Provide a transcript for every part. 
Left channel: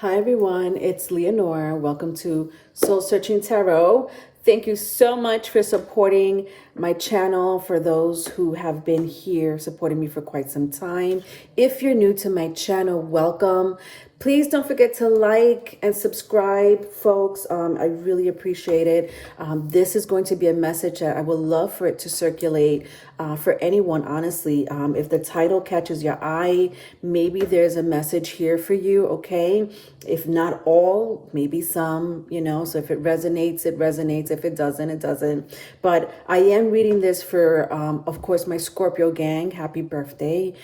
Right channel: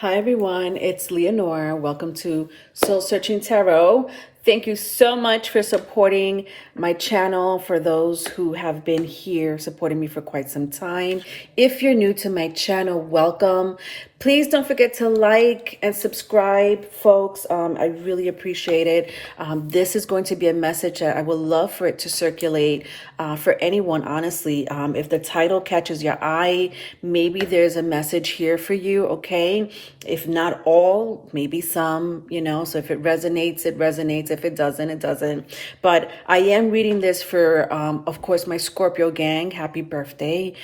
Hi everyone, it's Leonore. Welcome to Soul Searching Tarot. Thank you so much for supporting my channel, for those who have been here supporting me for quite some time. If you're new to my channel, welcome. Please don't forget to like and subscribe, folks. I really appreciate it. This is going to be a message that I would love for it to circulate for anyone, honestly. If the title catches your eye, maybe there's a message here for you, okay? If not all, maybe some, so if it resonates, it resonates. If it doesn't, it doesn't. But I am reading this for, of course, my Scorpio gang. Happy birthday.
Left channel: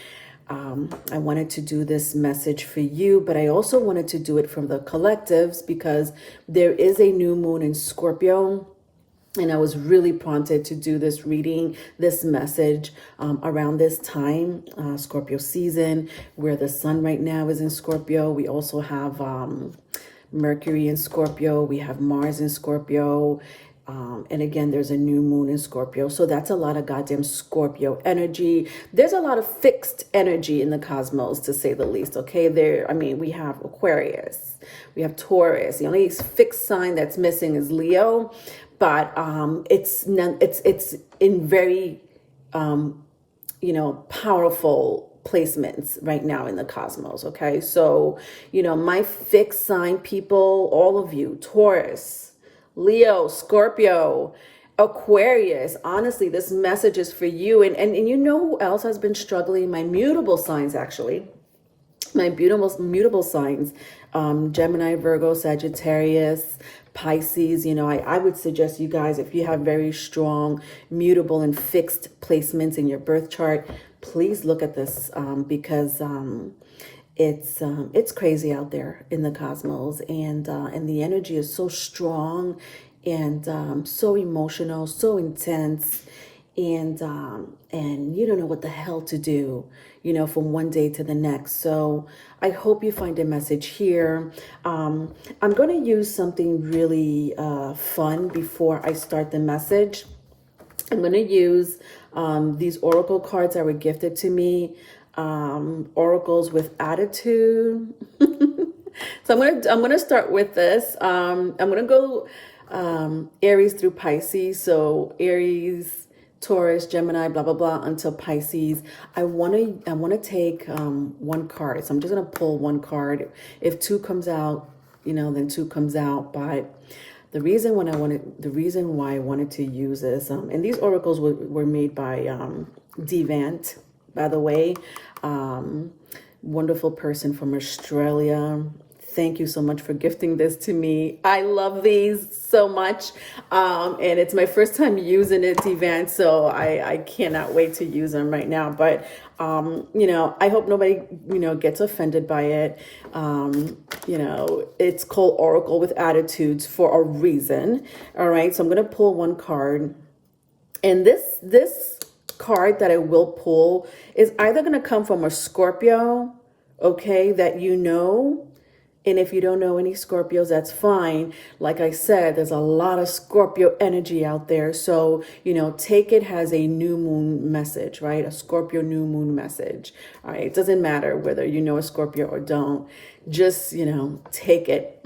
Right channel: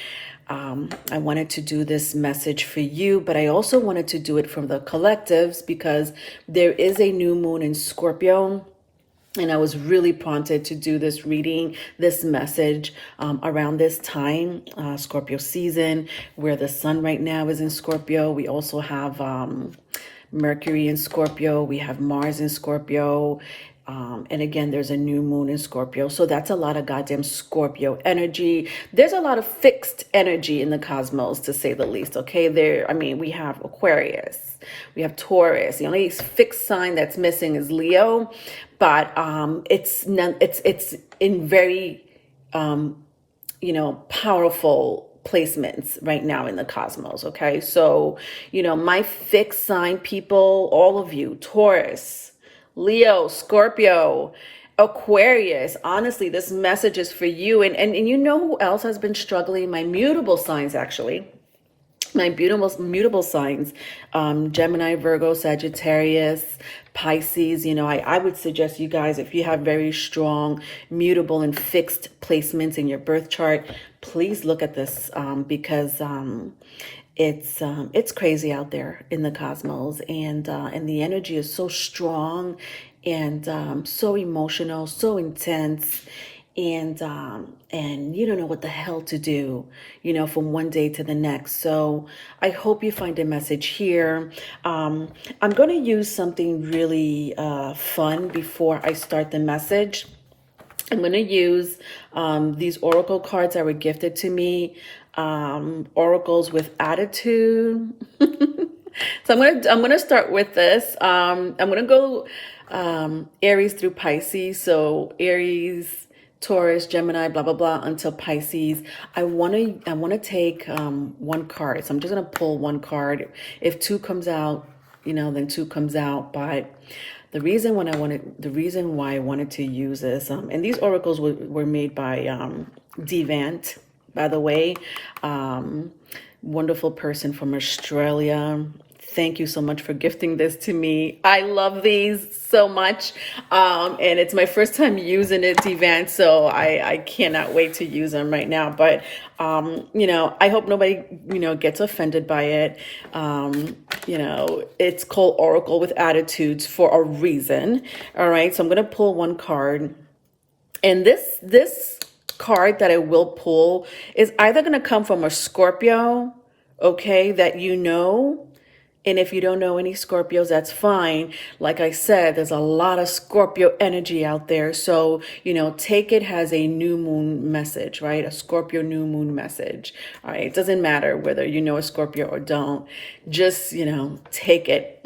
I wanted to do this message for you, but I also wanted to do it from the collectives because there is a new moon in Scorpio. And I was really prompted to do this reading, this message around this time, Scorpio season, where the sun right now is in Scorpio. We also have Mercury in Scorpio. We have Mars in Scorpio. And again, there's a new moon in Scorpio. So that's a lot of goddamn Scorpio energy. There's a lot of fixed energy in the cosmos, to say the least. Okay, we have Aquarius. We have Taurus. The only fixed sign that's missing is Leo, but it's in very powerful placements right now in the cosmos. Okay, so my fixed sign people, all of you, Taurus, Leo, Scorpio, Aquarius. Honestly, this message is for you. And you know who else has been struggling? My mutable signs, actually. My mutable signs, Gemini, Virgo, Sagittarius, Pisces. I would suggest you guys, if you have very strong mutable and fixed placements in your birth chart, please look at this because it's crazy out there in the cosmos, and the energy is so strong and so emotional, so intense, and you don't know what the hell to do, from one day to the next. So I hope you find a message here. I'm going to use something really fun before I start the message. I'm going to use these oracle cards that were gifted to me, oracles with attitude. So I'm gonna start with this. I'm gonna go Aries through Pisces. So Aries, Taurus, Gemini, blah blah blah, until Pisces. I wanna take one card. So I'm just gonna pull one card. If two comes out, then two comes out. But the reason why I wanted to use this, and these oracles were made by Devant, by the way, wonderful person from Australia. Thank you so much for gifting this to me. I love these so much. And it's my first time using it, Devant, so I cannot wait to use them right now. But, I hope nobody, gets offended by it. It's called Oracle with Attitudes for a reason. All right, so I'm going to pull one card. And this card that I will pull is either going to come from a Scorpio, okay, that and if you don't know any Scorpios, that's fine. Like I said, there's a lot of Scorpio energy out there. So, take it as a new moon message, right? A Scorpio new moon message. All right. It doesn't matter whether you know a Scorpio or don't. Just, take it.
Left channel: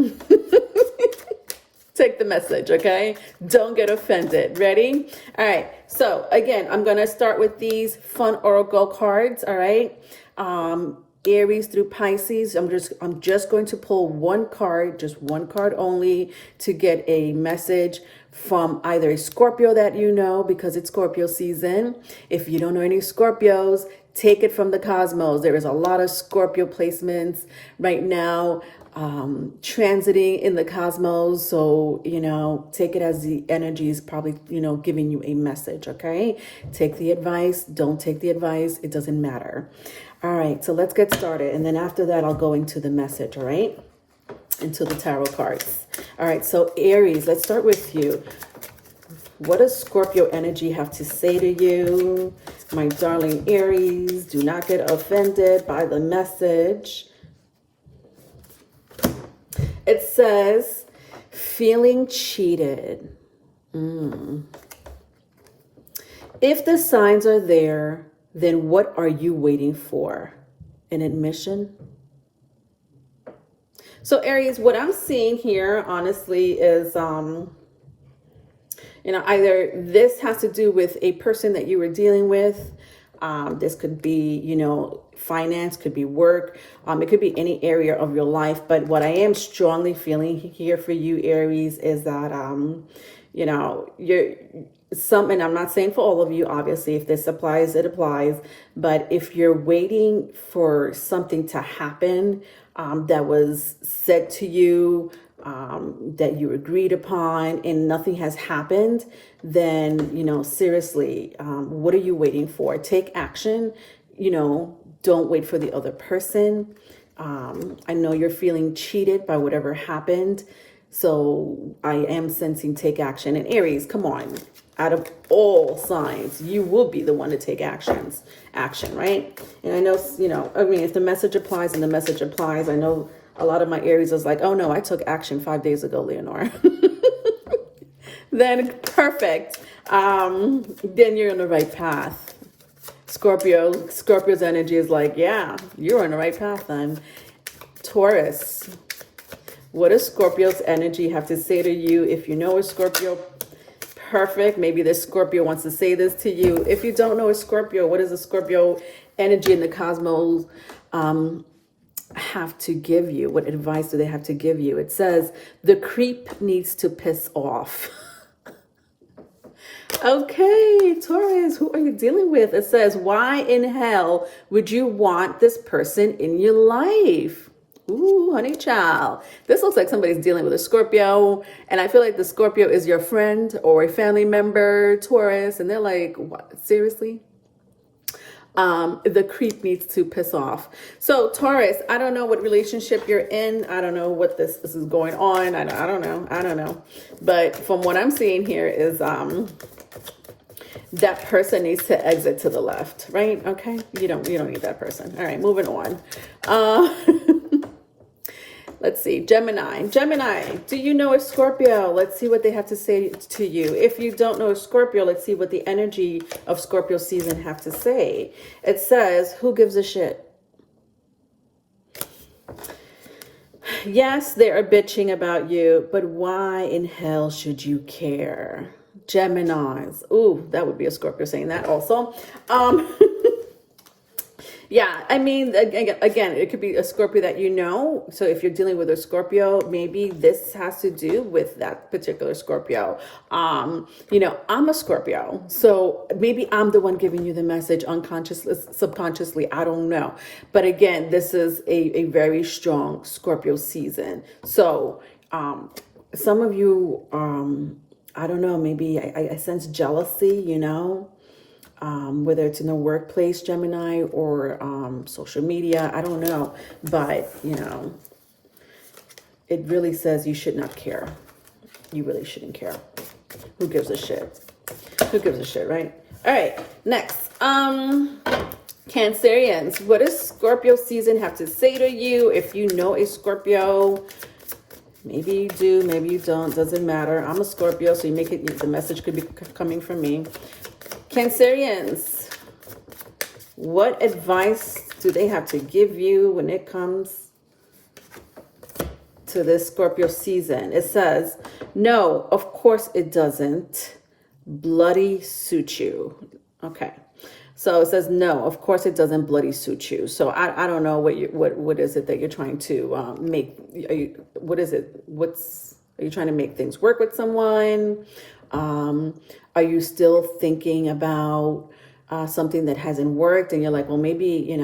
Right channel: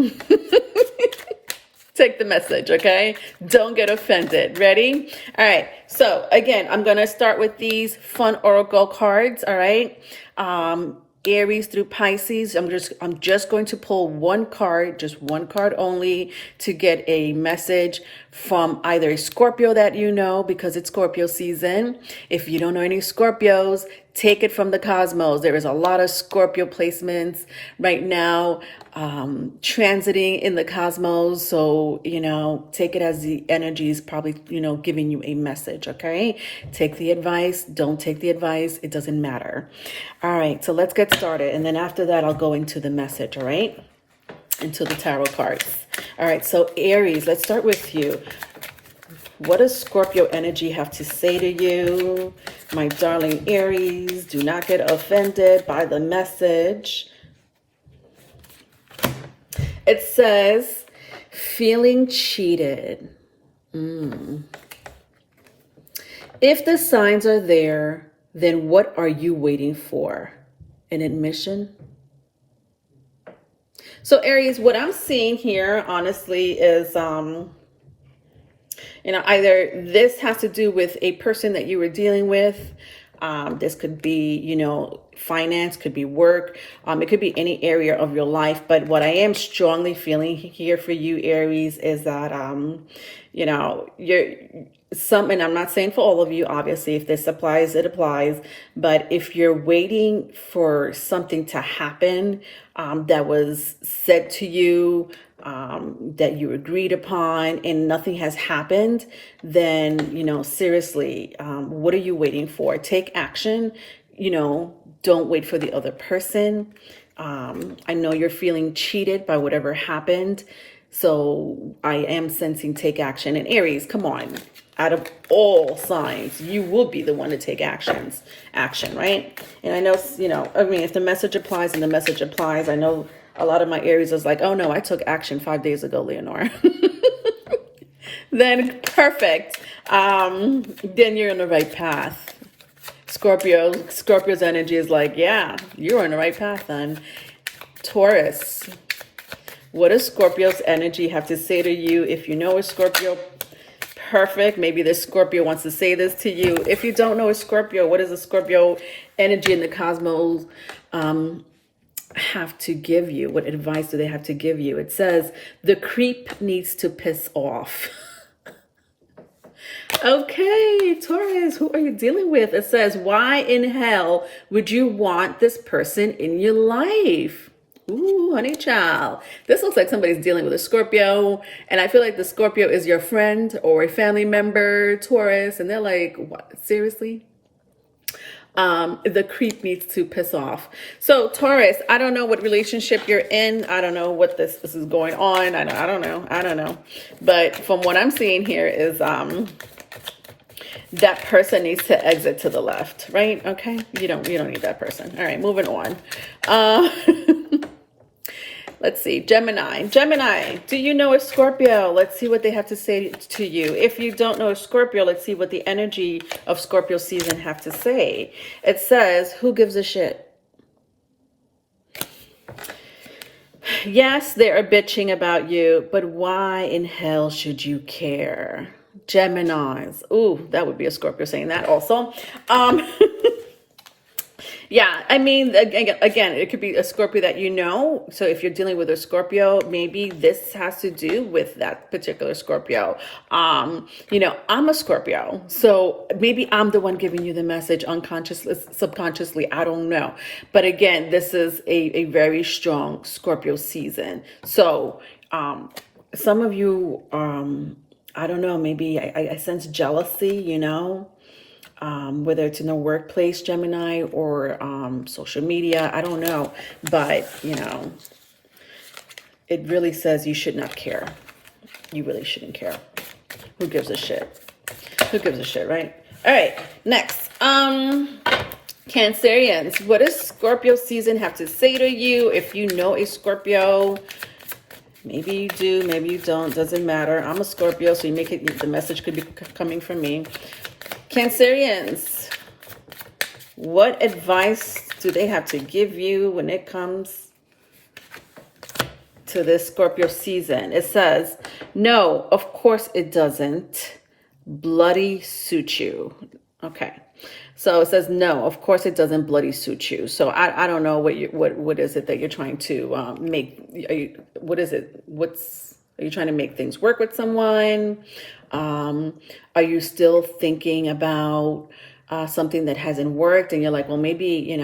Take the message, okay? Don't get offended. Ready? All right. So again, I'm going to start with these fun oracle cards, all right? Aries through Pisces. I'm just going to pull one card, just one card only, to get a message from either a Scorpio that because it's Scorpio season. If you don't know any Scorpios, take it from the cosmos. There is a lot of Scorpio placements right now transiting in the cosmos. So, take it as the energy is probably, giving you a message, okay? Take the advice. Don't take the advice. It doesn't matter. All right, so let's get started. And then after that, I'll go into the message, all right? Into the tarot cards. All right, so Aries, let's start with you. What does Scorpio energy have to say to you? My darling Aries, do not get offended by the message. It says, feeling cheated. If the signs are there, then what are you waiting for? An admission? So Aries, what I'm seeing here, honestly, is, either this has to do with a person that you were dealing with. This could be, finance, could be work. It could be any area of your life. But what I am strongly feeling here for you, Aries, is that, and I'm not saying for all of you, obviously, if this applies, it applies. But if you're waiting for something to happen that was said to you, that you agreed upon, and nothing has happened, then, seriously, what are you waiting for? Take action. Don't wait for the other person. I know you're feeling cheated by whatever happened. So I am sensing take action. And Aries, come on. Out of all signs, you will be the one to take action, right? And I know, if the message applies and the message applies, I know a lot of my Aries is like, oh no, I took action 5 days ago, Leonore. Then perfect. Then you're on the right path. Scorpio's energy is like, yeah, you're on the right path then. Taurus, what does Scorpio's energy have to say to you? If you know a Scorpio, perfect. Maybe this Scorpio wants to say this to you. If you don't know a Scorpio, what does the Scorpio energy in the cosmos have to give you? What advice do they have to give you? It says, the creep needs to piss off. Okay, Taurus, who are you dealing with? It says, why in hell would you want this person in your life? Ooh, honey child. This looks like somebody's dealing with a Scorpio. And I feel like the Scorpio is your friend or a family member, Taurus. And they're like, what? Seriously? The creep needs to piss off. So Taurus, I don't know what relationship you're in. I don't know what this is going on. I don't know. But from what I'm seeing here is, that person needs to exit to the left, right? Okay. You don't need that person. All right, moving on. Let's see. Gemini, do you know a Scorpio? Let's see what they have to say to you. If you don't know a Scorpio, let's see what the energy of Scorpio season have to say. It says, who gives a shit? Yes, they're bitching about you, but why in hell should you care? Geminis. Ooh, that would be a Scorpio saying that also. Yeah, I mean, again, it could be a Scorpio that you know. So if you're dealing with a Scorpio, maybe this has to do with that particular Scorpio. I'm a Scorpio, so maybe I'm the one giving you the message unconsciously, subconsciously. I don't know. But again, this is a very strong Scorpio season. So some of you, I don't know, maybe I sense jealousy, whether it's in the workplace, Gemini, or social media, I don't know. But, it really says you should not care. You really shouldn't care. Who gives a shit? Who gives a shit, right? All right, next. Cancerians, what does Scorpio season have to say to you? If you know a Scorpio, maybe you do, maybe you don't, doesn't matter. I'm a Scorpio, so the message could be coming from me. Cancerians, what advice do they have to give you when it comes to this Scorpio season? It says, no, of course it doesn't bloody suit you. Okay. So it says, no, of course it doesn't bloody suit you. So I don't know what is it that you're trying to make? What is it? Are you trying to make things work with someone? Are you still thinking about something that hasn't worked, and you're like, well, maybe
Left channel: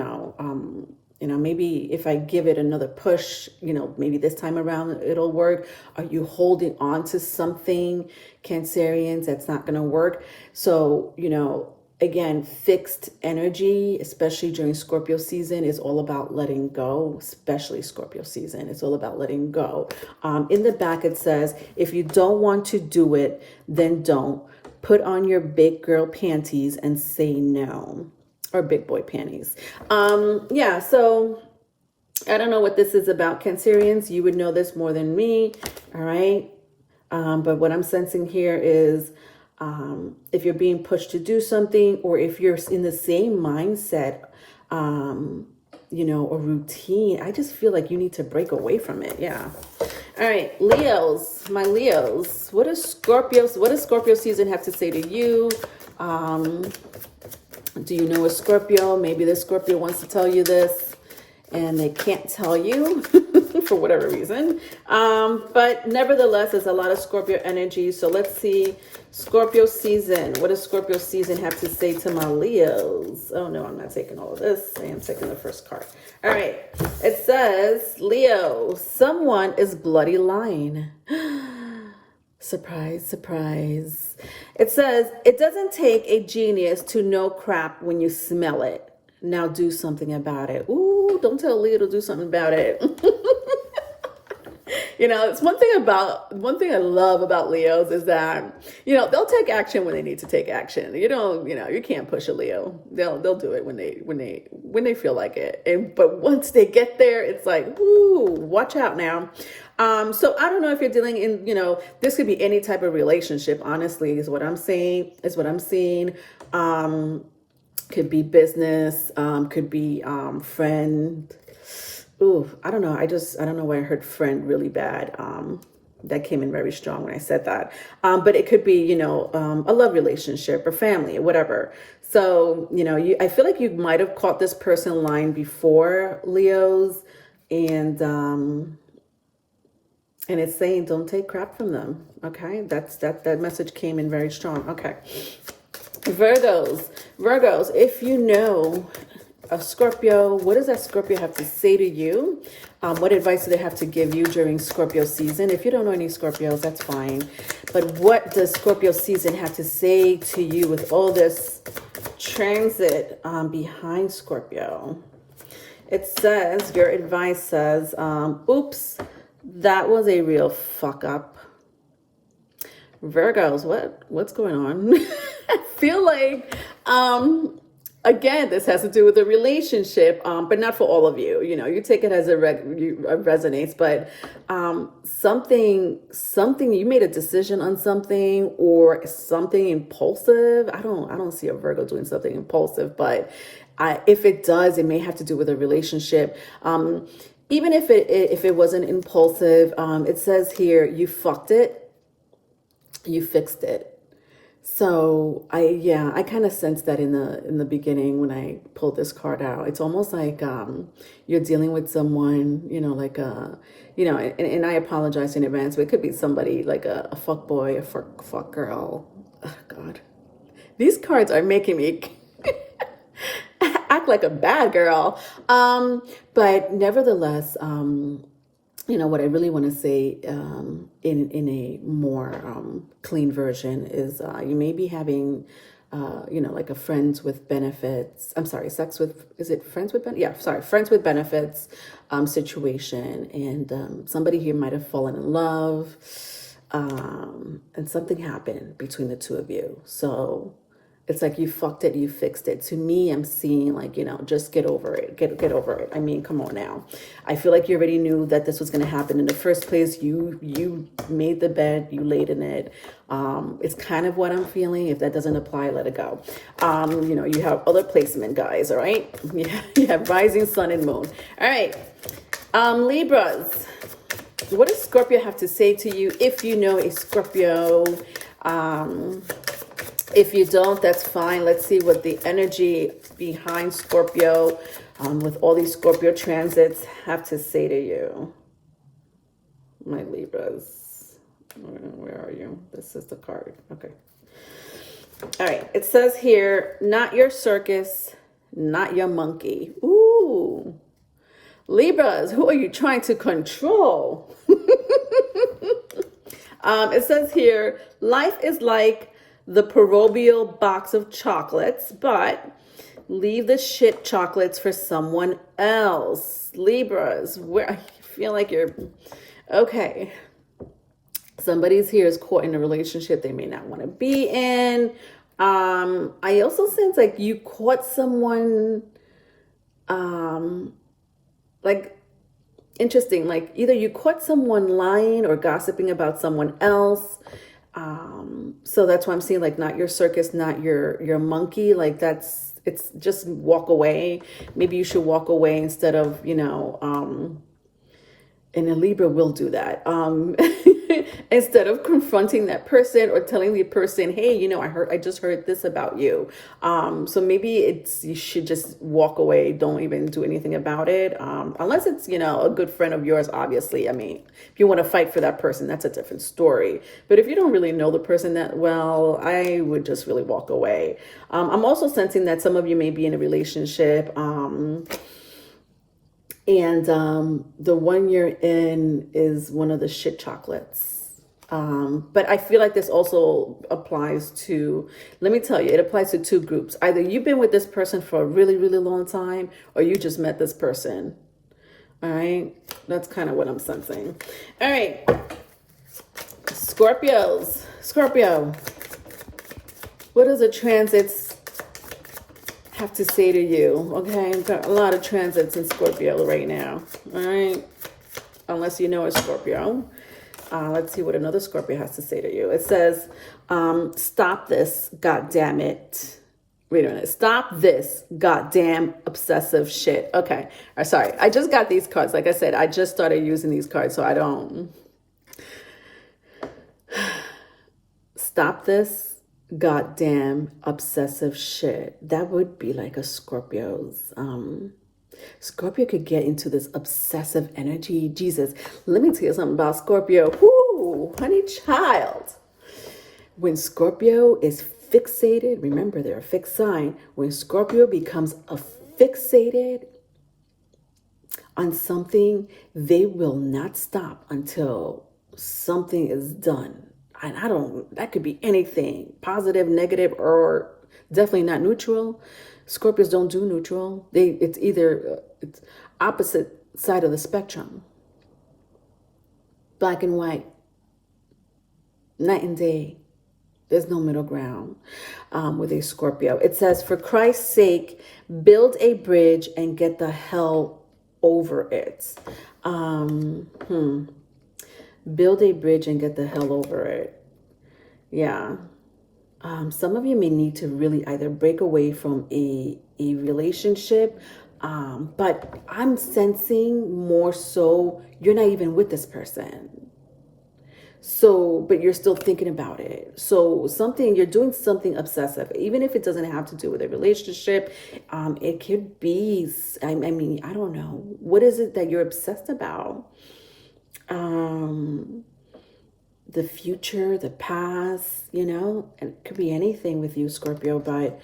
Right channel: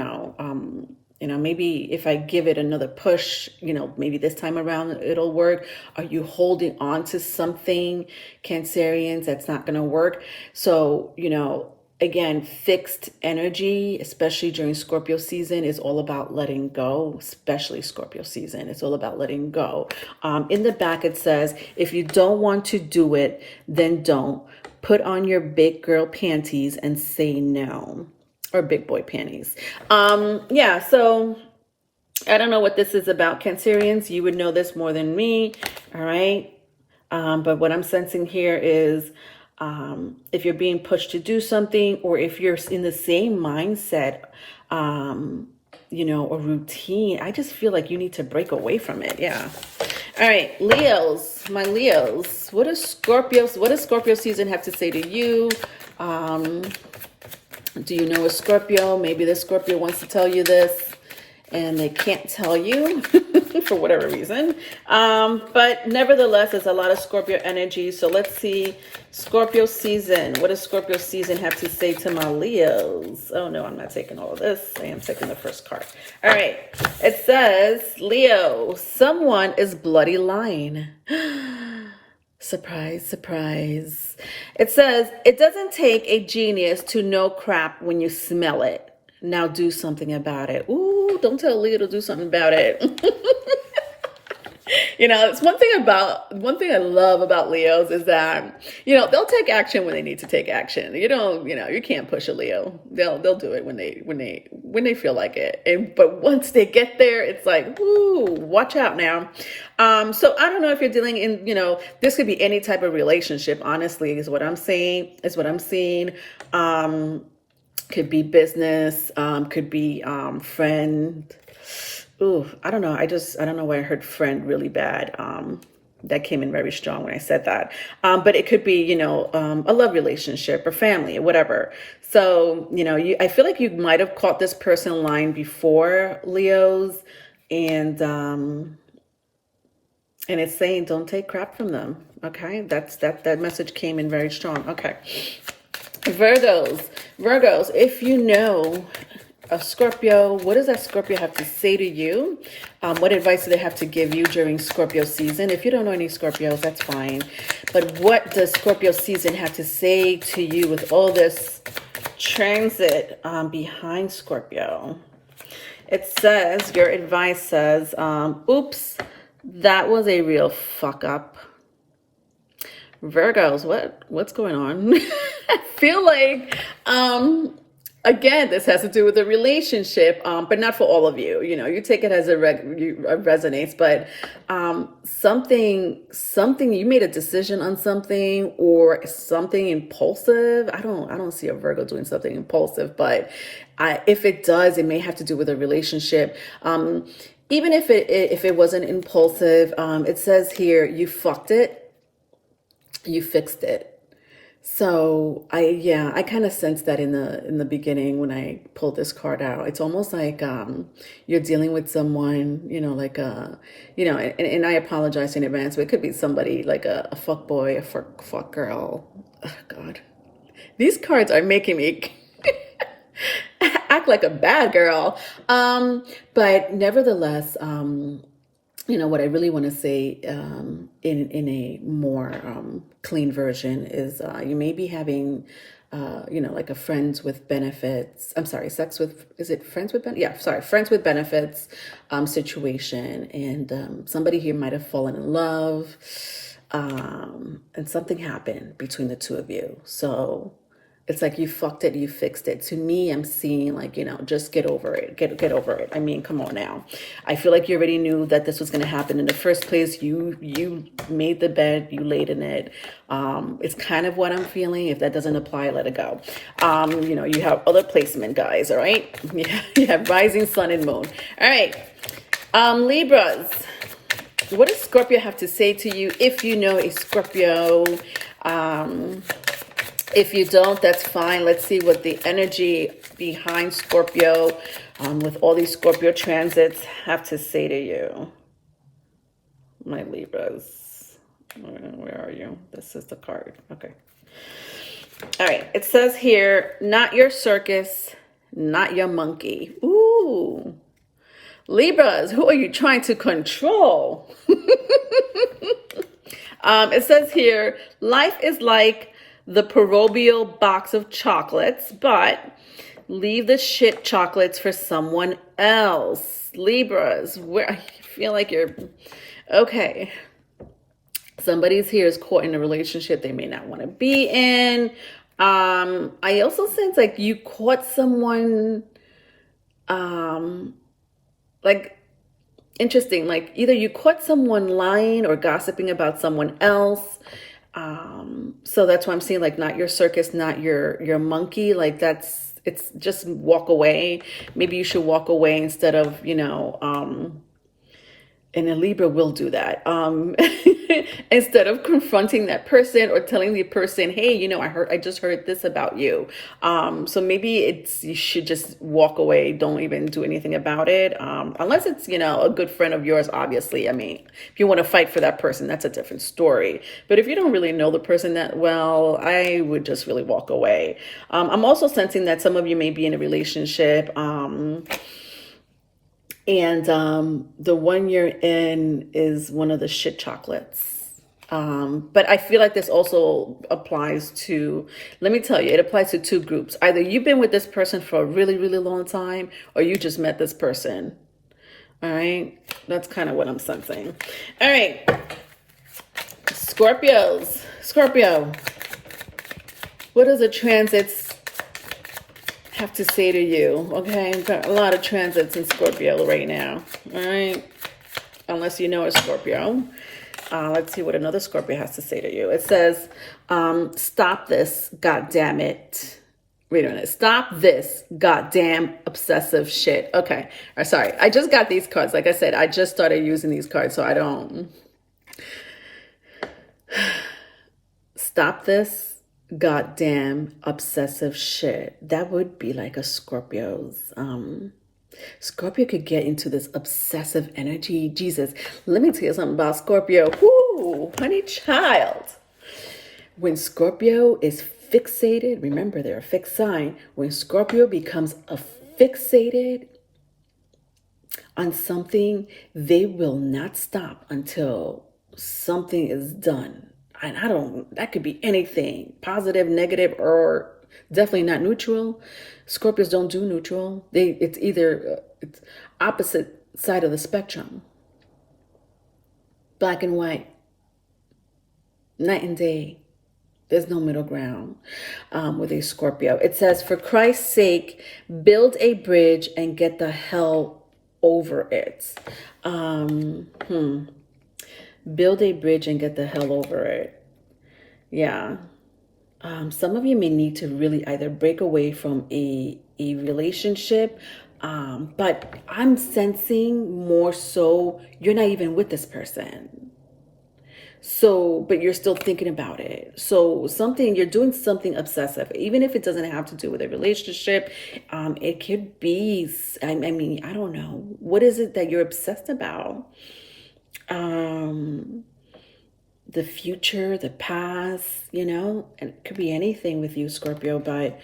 maybe if I give it another push, maybe this time around it'll work. Are you holding on to something, Cancerians, that's not going to work? So again, fixed energy, especially during Scorpio season, is all about letting go, especially Scorpio season. It's all about letting go. In the back, it says, if you don't want to do it, then don't. Put on your big girl panties and say no. Or big boy panties. Yeah, so I don't know what this is about, Cancerians. You would know this more than me, all right? But what I'm sensing here is, if you're being pushed to do something, or if you're in the same mindset, you know, a routine. I just feel like you need to break away from it. Yeah. All right, Leos, my Leos. What does Scorpio season have to say to you? Do you know a Scorpio? Maybe the Scorpio wants to tell you this and they can't tell you for whatever reason. But nevertheless, there's a lot of Scorpio energy. So let's see Scorpio season. What does Scorpio season have to say to my Leos? Oh no, I'm not taking all of this. I am taking the first card. All right. It says, Leo, someone is bloody lying. Surprise, surprise. It says, it doesn't take a genius to know crap when you smell it. Now do something about it. Ooh, don't tell Leo to do something about it. You know, it's one thing I love about Leos is that, you know, they'll take action when they need to take action. You can't push a Leo. They'll do it when they feel like it. But once they get there, it's like, woo, watch out now. So I don't know if you're dealing in, you know, this could be any type of relationship, honestly, is what I'm saying, is what I'm seeing. Could be business, could be friend. Ooh, I don't know. I don't know why I heard friend really bad. That came in very strong when I said that. But it could be, you know, a love relationship or family or whatever. So, you know, I feel like you might have caught this person lying before, Leos, and it's saying don't take crap from them. Okay, that message came in very strong. Okay, Virgos, if you know a Scorpio, what does that Scorpio have to say to you? What advice do they have to give you during Scorpio season? If you don't know any Scorpios, that's fine. But what does Scorpio season have to say to you with all this transit behind Scorpio? It says, your advice says, oops, that was a real fuck up. Virgos, what's going on? I feel like, again, this has to do with a relationship, but not for all of you. You know, you take it as it resonates, but something you made a decision on something or something impulsive. I don't see a Virgo doing something impulsive, but if it does, it may have to do with a relationship. Even if it wasn't impulsive, it says here, you fucked it. You fixed it. So I kind of sensed that in the beginning when I pulled this card out. It's almost like you're dealing with someone, you know, like you know, and I apologize in advance, but it could be somebody like a fuck boy, a fuck girl. Oh, God, these cards are making me act like a bad girl. But nevertheless, you know, what I really want to say in a more clean version is you may be having, you know, like a friends with benefits. I'm sorry, is it friends with benefits? Yeah, sorry, friends with benefits situation. And somebody here might have fallen in love and something happened between the two of you. So it's like you fucked it, you fixed it. To me, I'm seeing like, you know, just get over it. Get over it. I mean, come on now. I feel like you already knew that this was going to happen in the first place. You made the bed, you laid in it. It's kind of what I'm feeling. If that doesn't apply, let it go. You know, you have other placement, guys, all right? You have rising sun and moon. All right. Libras. What does Scorpio have to say to you if you know a Scorpio? If you don't, that's fine. Let's see what the energy behind Scorpio with all these Scorpio transits have to say to you. My Libras. Where are you? This is the card. Okay. All right. It says here, not your circus, not your monkey. Ooh. Libras, who are you trying to control? It says here, life is like the proverbial box of chocolates, but leave the shit chocolates for someone else. Libras, where I feel like you're okay. Somebody's here is caught in a relationship they may not want to be in. I also sense like you caught someone like interesting, like either you caught someone lying or gossiping about someone else. So that's why I'm saying like not your circus, not your monkey. Like that's it's just walk away. Maybe you should walk away instead of, and a Libra will do that. Instead of confronting that person or telling the person, hey, I just heard this about you. So maybe you should just walk away. Don't even do anything about it. Unless it's, a good friend of yours, obviously. I mean, if you want to fight for that person, that's a different story. But if you don't really know the person that well, I would just really walk away. I'm also sensing that some of you may be in a relationship. And the one you're in is one of the shit chocolates. But I feel like this also applies to, let me tell you, it applies to two groups. Either you've been with this person for a really, really long time, or you just met this person. All right. That's kind of what I'm sensing. All right. Scorpio. What does the transits have to say to you? Okay, I've got a lot of transits in Scorpio right now. All right, unless you know a Scorpio. Let's see what another Scorpio has to say to you. It says, stop this, God damn it. Wait a minute. Stop this goddamn obsessive shit. Okay. Sorry. I just got these cards. Like I said, I just started using these cards, so I don't. Stop this goddamn obsessive shit. That would be like a Scorpio's. Scorpio could get into this obsessive energy. Jesus, let me tell you something about Scorpio. Whoo, honey child. When Scorpio is fixated, remember they're a fixed sign. When Scorpio becomes fixated on something, they will not stop until something is done. And that could be anything, positive, negative, or definitely not neutral. Scorpios don't do neutral. It's either it's opposite side of the spectrum. Black and white, night and day. There's no middle ground with a Scorpio. It says, for Christ's sake, build a bridge and get the hell over it. Build a bridge and get the hell over it. Yeah. Some of you may need to really either break away from a relationship, but I'm sensing more so you're not even with this person. So, but you're still thinking about it. So you're doing something obsessive, even if it doesn't have to do with a relationship. It could be, I mean, I don't know. What is it that you're obsessed about? The future, the past, and it could be anything with you, Scorpio, but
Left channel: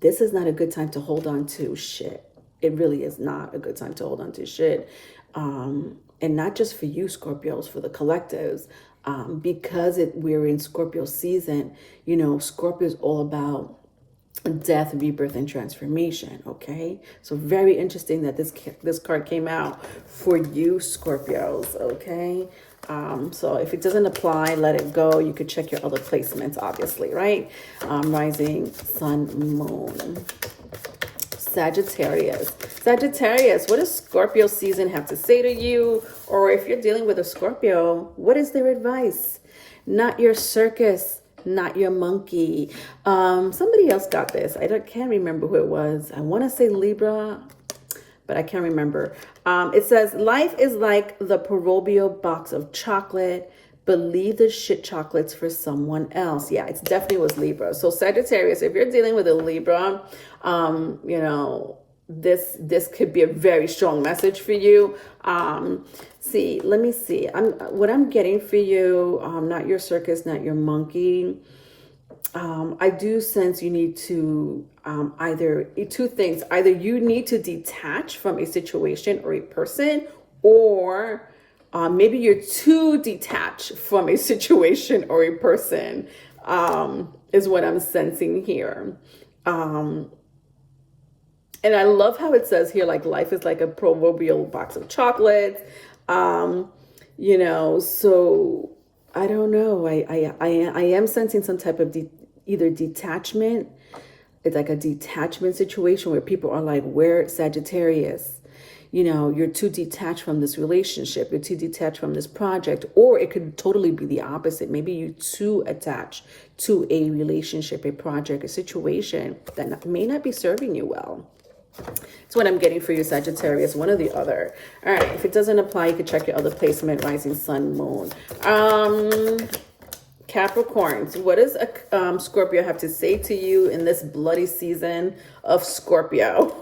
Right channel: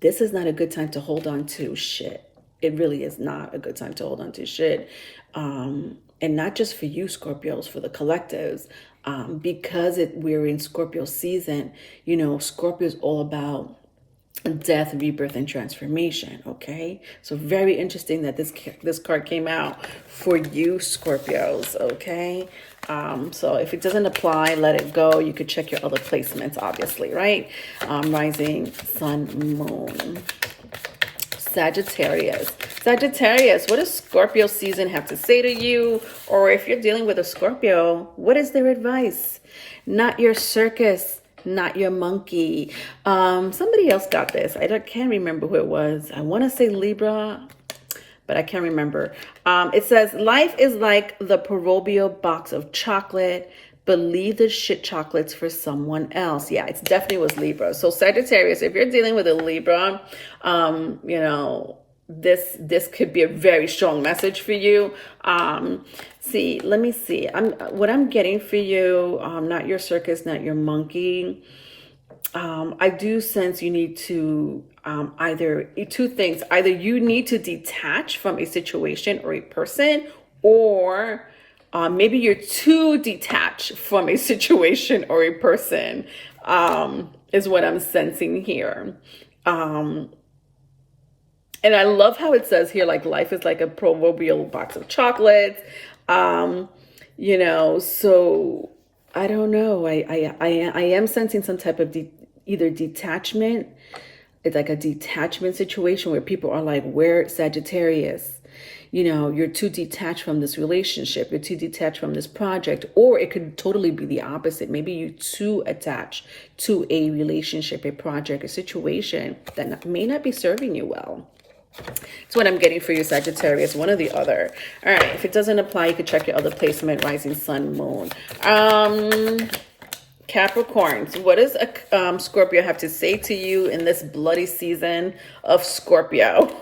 this is not a good time to hold on to shit. It really is not a good time to hold on to shit. And not just for you, Scorpios, for the collectives, because we're in Scorpio season, Scorpio is all about death, rebirth, and transformation. Okay, so very interesting that this card came out for you, Scorpios. Okay, so if it doesn't apply, let it go. You could check your other placements, obviously, right? Rising, sun, moon. Sagittarius, what does Scorpio season have to say to you? Or if you're dealing with a Scorpio, what is their advice? Not your circus, not your monkey. Somebody else got this. I can't remember who it was. I want to say Libra, but I can't remember. It says, life is like the proverbial box of chocolate. Believe the shit chocolates for someone else. Yeah, it definitely was Libra. So Sagittarius, if you're dealing with a Libra, this could be a very strong message for you. Let me see. What I'm getting for you, not your circus, not your monkey. I do sense you need to either two things. Either you need to detach from a situation or a person, or maybe you're too detached from a situation or a person, is what I'm sensing here. And I love how it says here, like, life is like a proverbial box of chocolates. So I don't know. I am sensing some type of either detachment. It's like a detachment situation where people are like, where Sagittarius? you're too detached from this relationship, you're too detached from this project, or it could totally be the opposite. Maybe you're too attached to a relationship, a project, a situation that may not be serving you well. That's what I'm getting for you, Sagittarius, one or the other. All right, if it doesn't apply, you can check your other placement, rising, sun, moon. Capricorns, what does a Scorpio have to say to you in this bloody season of Scorpio?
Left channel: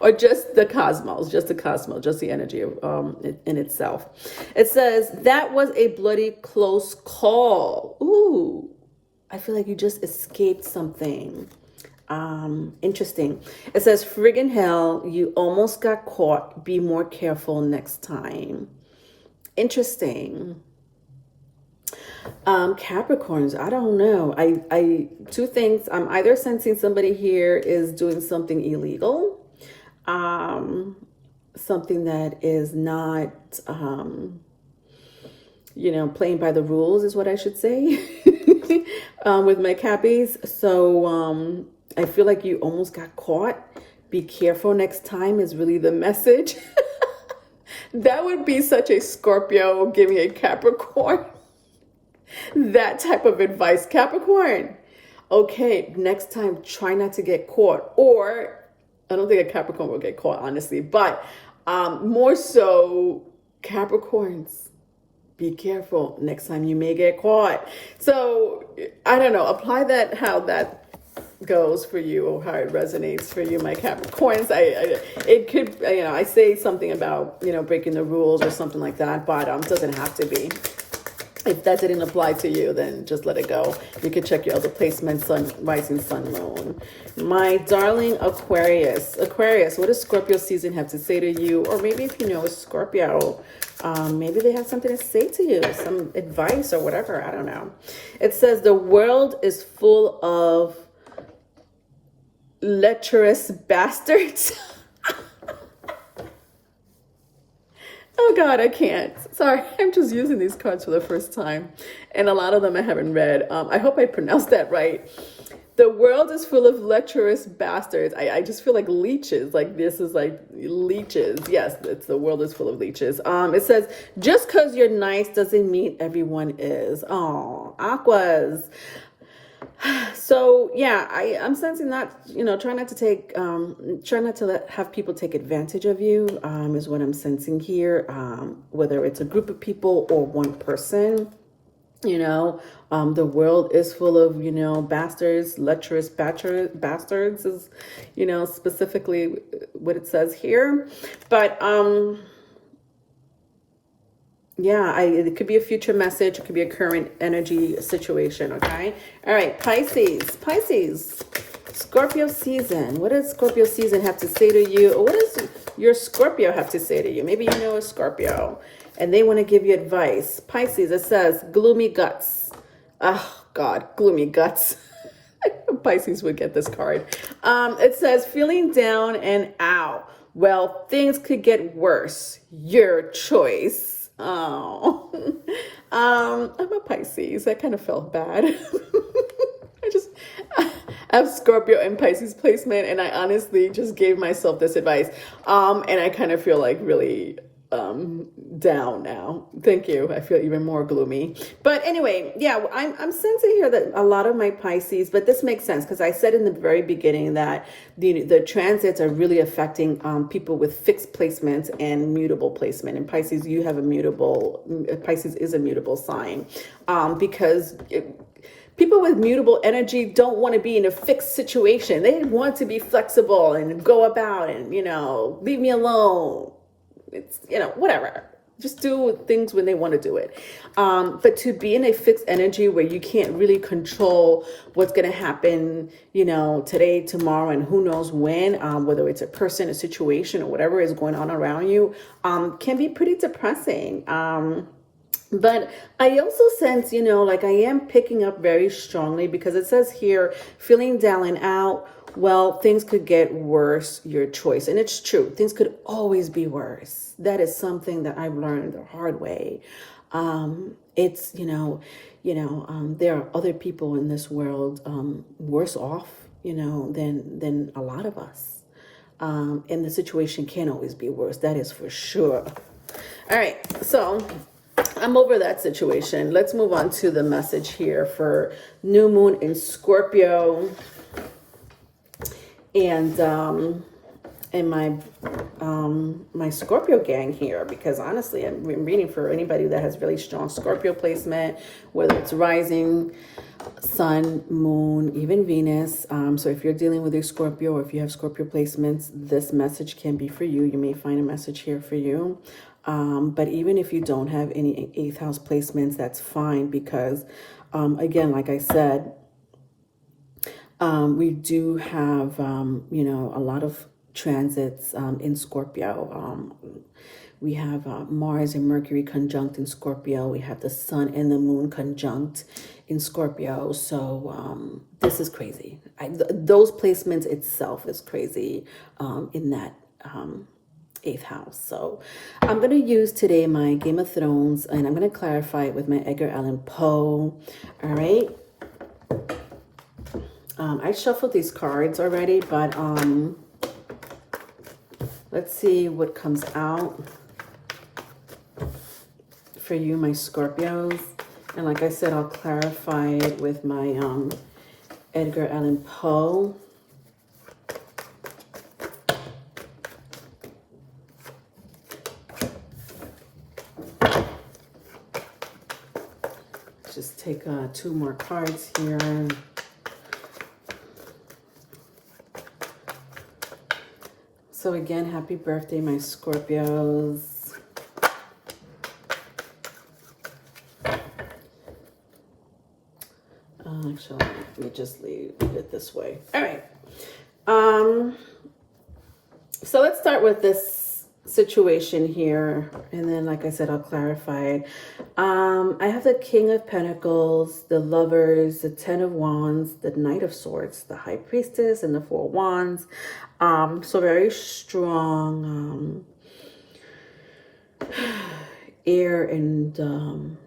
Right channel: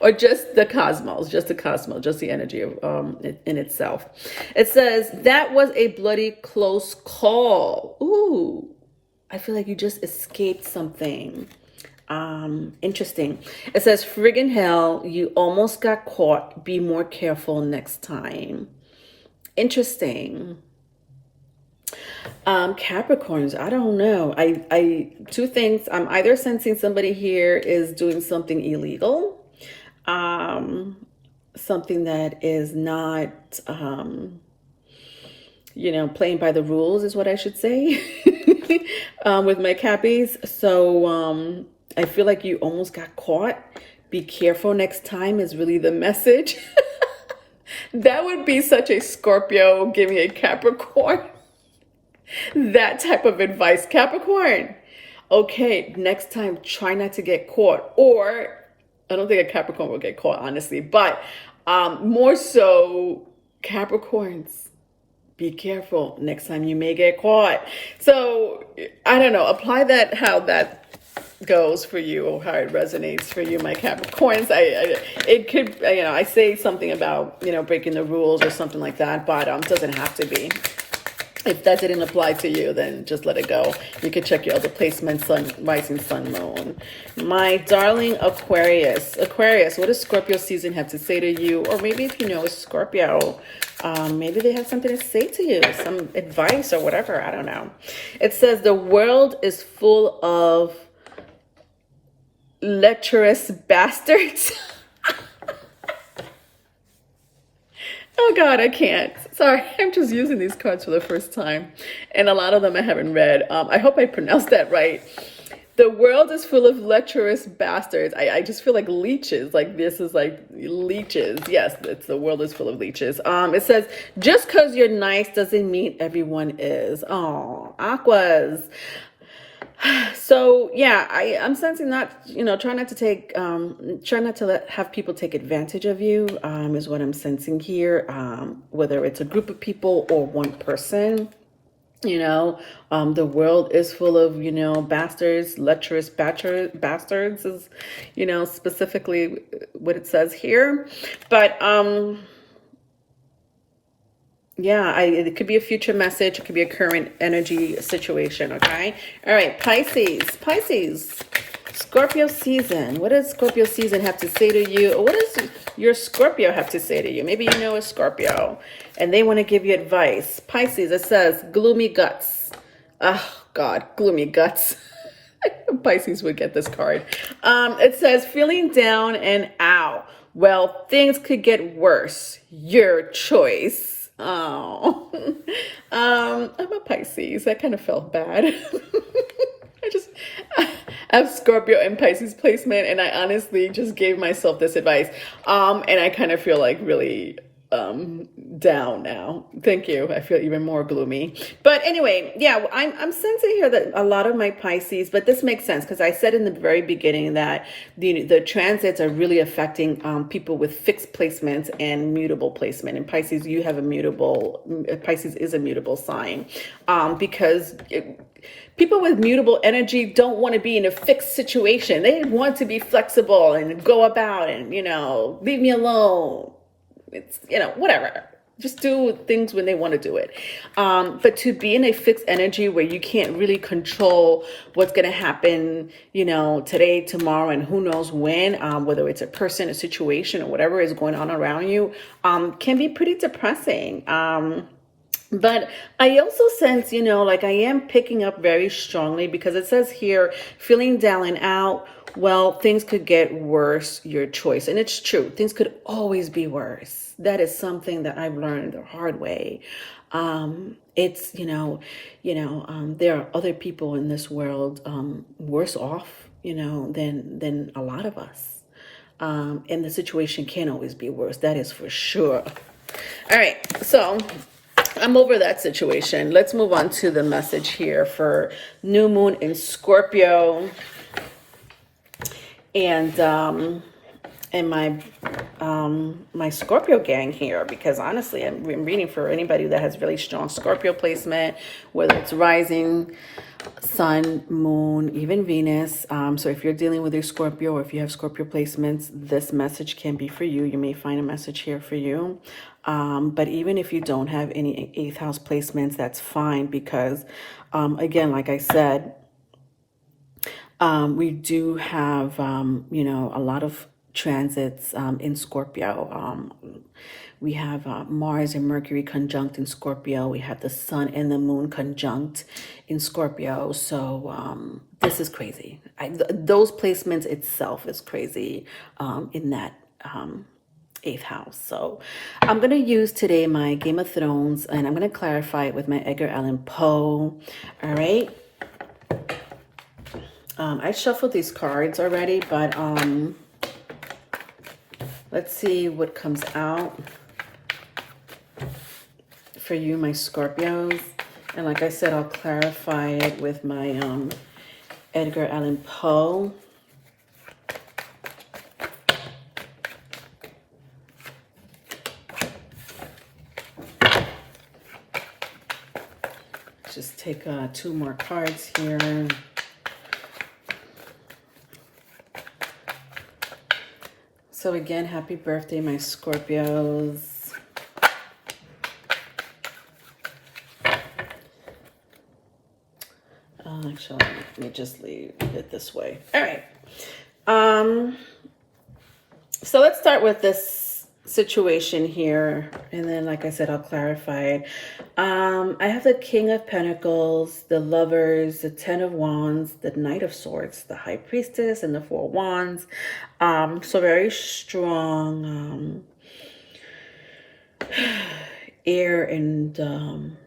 Or just the cosmos, just the energy of in itself. It says, that was a bloody close call. Ooh, I feel like you just escaped something. Interesting. It says, friggin' hell, you almost got caught. Be more careful next time. Interesting. Capricorns, I don't know. I two things. I'm either sensing somebody here is doing something illegal, something that is not, playing by the rules is what I should say, with my Cappies. So, I feel like you almost got caught. Be careful next time is really the message. That would be such a Scorpio giving a Capricorn that type of advice. Capricorn, okay, next time try not to get caught. Or I don't think a Capricorn will get caught, honestly, but more so Capricorns, be careful next time you may get caught. So I don't know, apply that how that goes for you, or how it resonates for you, my Capricorns. It could, I say something about, breaking the rules or something like that, but doesn't have to be. If that didn't apply to you, then just let it go. You can check your other placements, sun, rising, sun, moon. My darling Aquarius. Aquarius, what does Scorpio season have to say to you? Or maybe if you know Scorpio, maybe they have something to say to you, some advice or whatever. I don't know. It says, the world is full of lecherous bastards. Oh God, I can't. Sorry, I'm just using these cards for the first time. And a lot of them I haven't read. I hope I pronounced that right. The world is full of lecherous bastards. I just feel like leeches. Like this is like leeches. Yes, it's the world is full of leeches. It says, just because you're nice doesn't mean everyone is. Oh, Aquas. So yeah, I'm sensing that, try not to have people take advantage of you, is what I'm sensing here. Whether it's a group of people or one person, the world is full of, bastards, lecherous bastards is, specifically what it says here. But, yeah, it could be a future message. It could be a current energy situation, okay? All right, Pisces. Scorpio season. What does Scorpio season have to say to you? Or what does your Scorpio have to say to you? Maybe you know a Scorpio and they want to give you advice. Pisces, it says, gloomy guts. Oh, God, gloomy guts. Pisces would get this card. It says, feeling down and out. Well, things could get worse. Your choice. Oh, I'm a Pisces. I kind of felt bad. I have Scorpio and Pisces placement, and I honestly just gave myself this advice. And I kind of feel like really down now. Thank you. I feel even more gloomy. But anyway, yeah, I'm sensing here that a lot of my Pisces, but this makes sense because I said in the very beginning that the transits are really affecting people with fixed placements and mutable placement. And Pisces, you have Pisces is a mutable sign, because people with mutable energy don't want to be in a fixed situation. They want to be flexible and go about and, leave me alone. It's, whatever. Just do things when they want to do it. But to be in a fixed energy where you can't really control what's going to happen, today, tomorrow, and who knows when, whether it's a person, a situation, or whatever is going on around you, can be pretty depressing. But I also sense, like I am picking up very strongly because it says here, feeling down and out. Well, things could get worse, your choice. And it's true. Things could always be worse. That is something that I've learned the hard way. It's, there are other people in this world worse off, than a lot of us. And the situation can always be worse. That is for sure. All right, so I'm over that situation. Let's move on to the message here for new moon in Scorpio. And my Scorpio gang here, because honestly, I'm reading for anybody that has really strong Scorpio placement, whether it's rising, sun, moon, even Venus. So if you're dealing with a Scorpio, or if you have Scorpio placements, this message can be for you. You may find a message here for you. But even if you don't have any 8th house placements, that's fine, because again, like I said, we do have, you know, a lot of transits in Scorpio. We have Mars and Mercury conjunct in Scorpio. We have the sun and the moon conjunct in Scorpio. So this is crazy. Those placements itself is crazy in that 8th house. So I'm going to use today my Game of Thrones, and I'm going to clarify it with my Edgar Allan Poe. All right. I shuffled these cards already, but let's see what comes out for you, my Scorpios. And like I said, I'll clarify it with my Edgar Allan Poe. Just take 2 more cards here. So again, happy birthday, my Scorpios. Actually, let me just leave it this way. All right. So let's start with this situation here, and then, like I said, I'll clarify it. I have the King of Pentacles, the Lovers, the Ten of Wands, the Knight of Swords, the High Priestess, and the Four of Wands. So very strong air and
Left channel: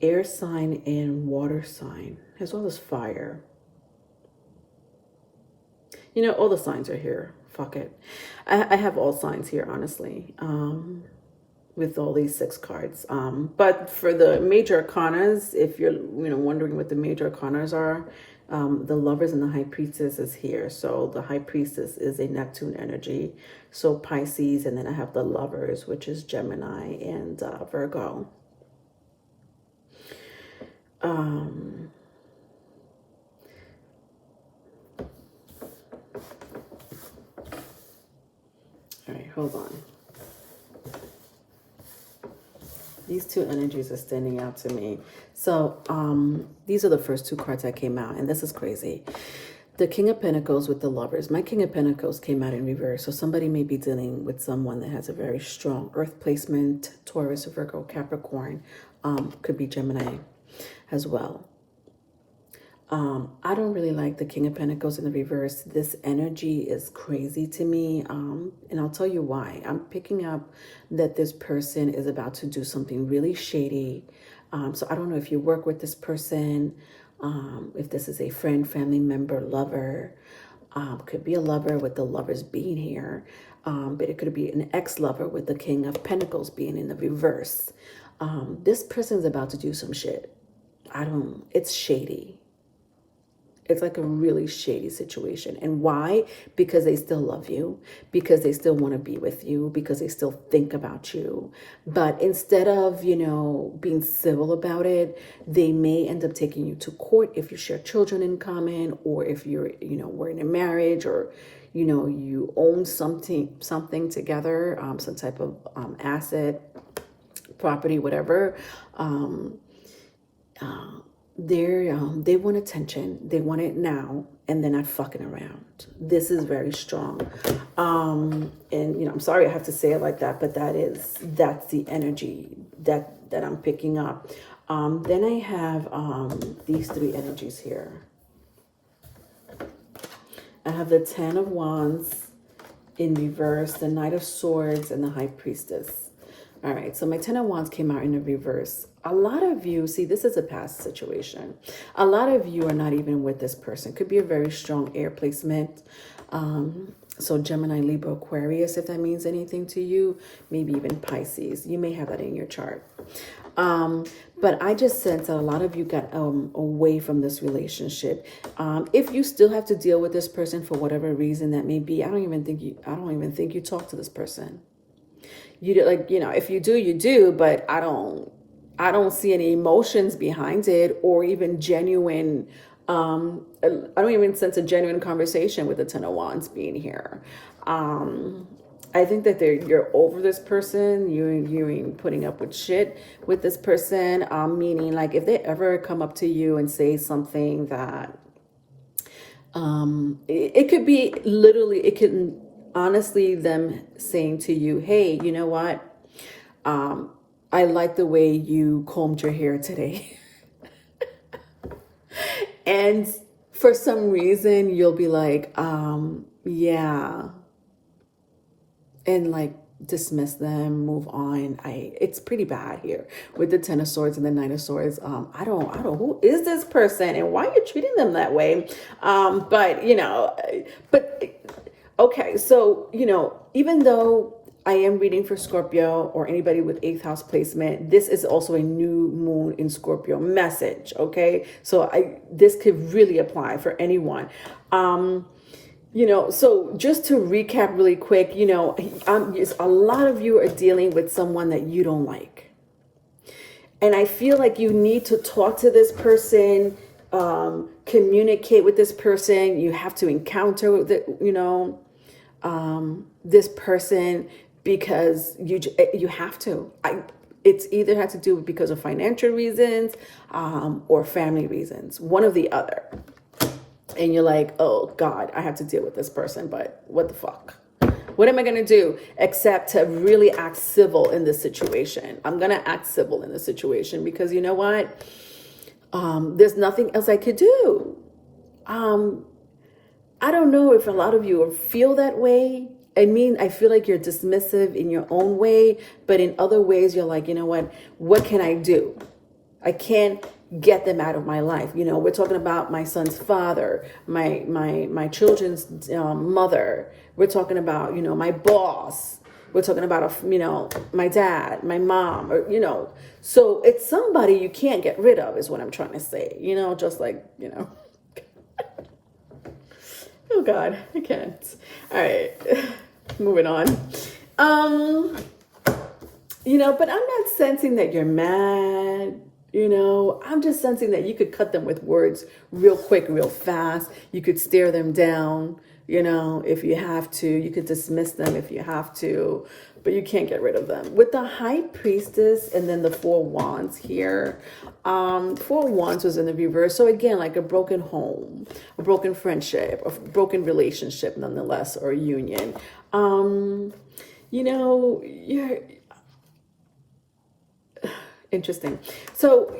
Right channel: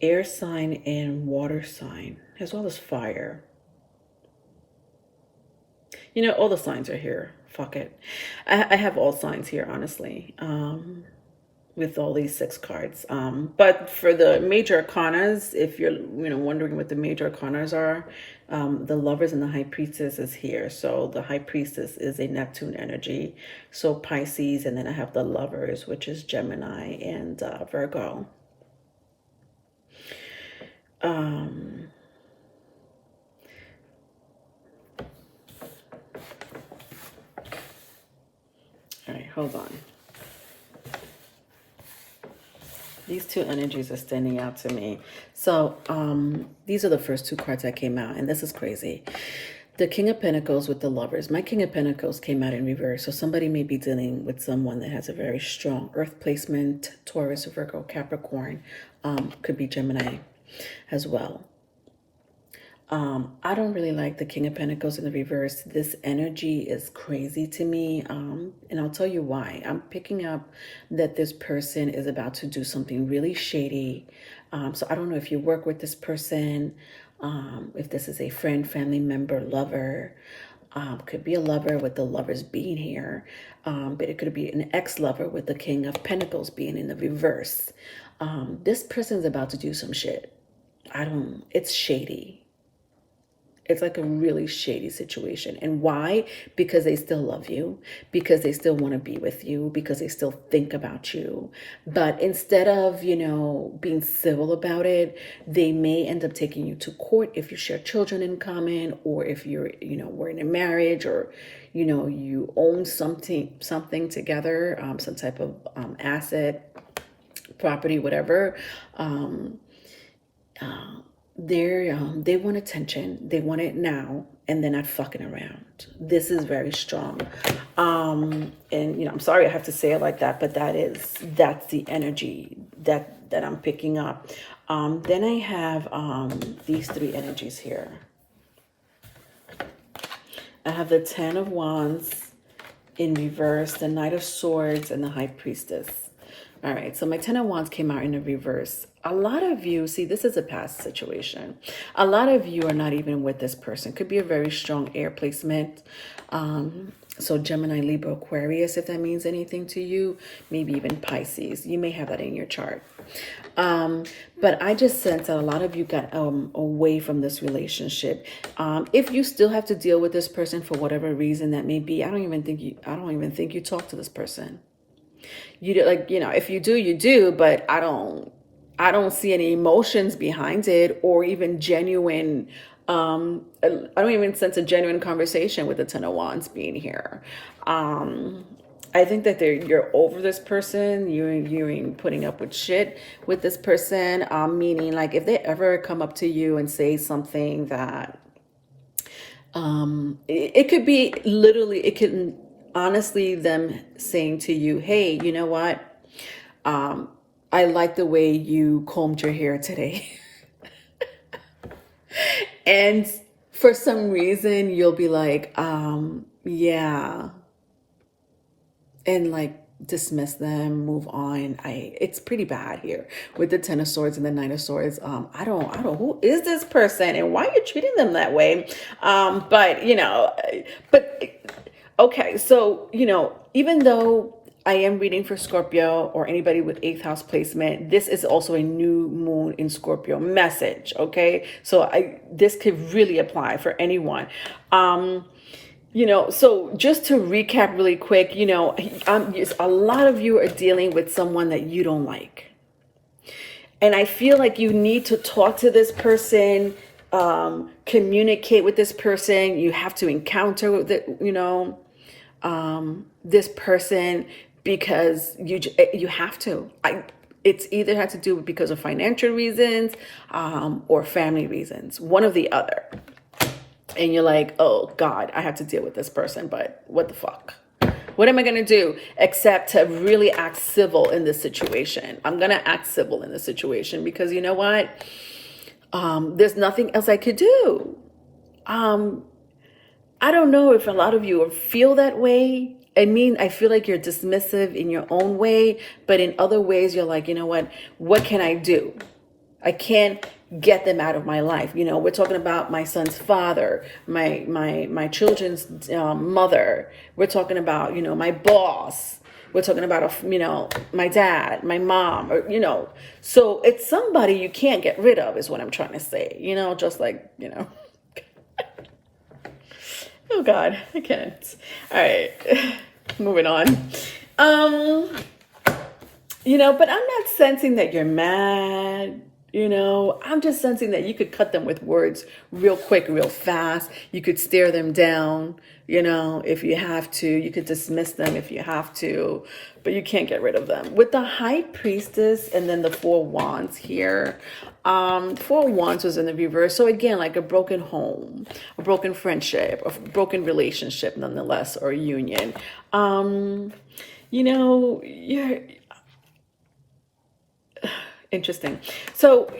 air sign and water sign, as well as fire. You know, all the signs are here. Fuck it. I have all signs here, honestly, with all these 6 cards. But for the major arcanas, if you're, you know, wondering what the major arcanas are, the Lovers and the High Priestess is here. So the High Priestess is a Neptune energy. So Pisces, and then I have the Lovers, which is Gemini and Virgo. All right, hold on. These 2 energies are standing out to me. So these are the first 2 cards that came out, and this is crazy. The King of Pentacles with the Lovers. My King of Pentacles came out in reverse. So somebody may be dealing with someone that has a very strong earth placement, Taurus, Virgo, Capricorn, could be Gemini as well. I don't really like the King of Pentacles in the reverse. This energy is crazy to me, and I'll tell you why. I'm picking up that this person is about to do something really shady. So I don't know if you work with this person, if this is a friend, family member, lover. Could be a lover with the Lovers being here, but it could be an ex-lover with the King of Pentacles being in the reverse. This person's about to do some shit. It's shady. It's like a really shady situation. And why? Because they still love you, because they still want to be with you, because they still think about you. But instead of, you know, being civil about it, they may end up taking you to court if you share children in common, or if you're, you know, we're in a marriage, or, you know, you own something together, some type of asset, property, whatever. They want attention. They want it now, and they're not fucking around. This is very strong. And you know, I'm sorry I have to say it like that, but that's the energy that I'm picking up. Then I have these 3 energies here. I have the Ten of Wands in reverse, the Knight of Swords, and the High Priestess. All right, so my Ten of Wands came out in the reverse. A lot of you, see, this is a past situation. A lot of you are not even with this person. Could be a very strong air placement. So Gemini, Libra, Aquarius, if that means anything to you, maybe even Pisces. You may have that in your chart. But I just sense that a lot of you got away from this relationship. If you still have to deal with this person for whatever reason that may be, I don't even think you talk to this person. You do, like, if you do, you do, but I don't see any emotions behind it, or even genuine. I don't even sense a genuine conversation with the Ten of Wands being here. I think that you're over this person. You're putting up with shit with this person. Meaning, like, if they ever come up to you and say something that, it could be literally, it could honestly them saying to you, hey, you know what? I like the way you combed your hair today. And for some reason, you'll be like, yeah. And like dismiss them, move on. It's pretty bad here with the Ten of Swords and the Nine of Swords. I don't, who is this person and why are you treating them that way? Okay, so, even though I am reading for Scorpio or anybody with 8th house placement, this is also a new moon in Scorpio message, okay? So this could really apply for anyone. So just to recap really quick, a lot of you are dealing with someone that you don't like. And I feel like you need to talk to this person, communicate with this person. You have to encounter with this person because you have to. It's either had to do because of financial reasons or family reasons, one or the other. And you're like, oh God, I have to deal with this person, but what the fuck? What am I going to do except to really act civil in this situation? I'm going to act civil in this situation because you know what? There's nothing else I could do. I don't know if a lot of you feel that way. I feel like you're dismissive in your own way, but in other ways, you're like, you know what can I do? I can't get them out of my life. We're talking about my son's father, my children's mother. We're talking about, my boss. We're talking about, my dad, my mom, or, so it's somebody you can't get rid of is what I'm trying to say, just like, oh God, I can't. All right, moving on. But I'm not sensing that you're mad. I'm just sensing that you could cut them with words real quick, real fast. You could stare them down, if you have to. You could dismiss them if you have to, but you can't get rid of them. With the High Priestess and then the Four Wands here, Four Wands was in the reverse. So again, like a broken home, a broken friendship, a broken relationship nonetheless, or a union. You're interesting. So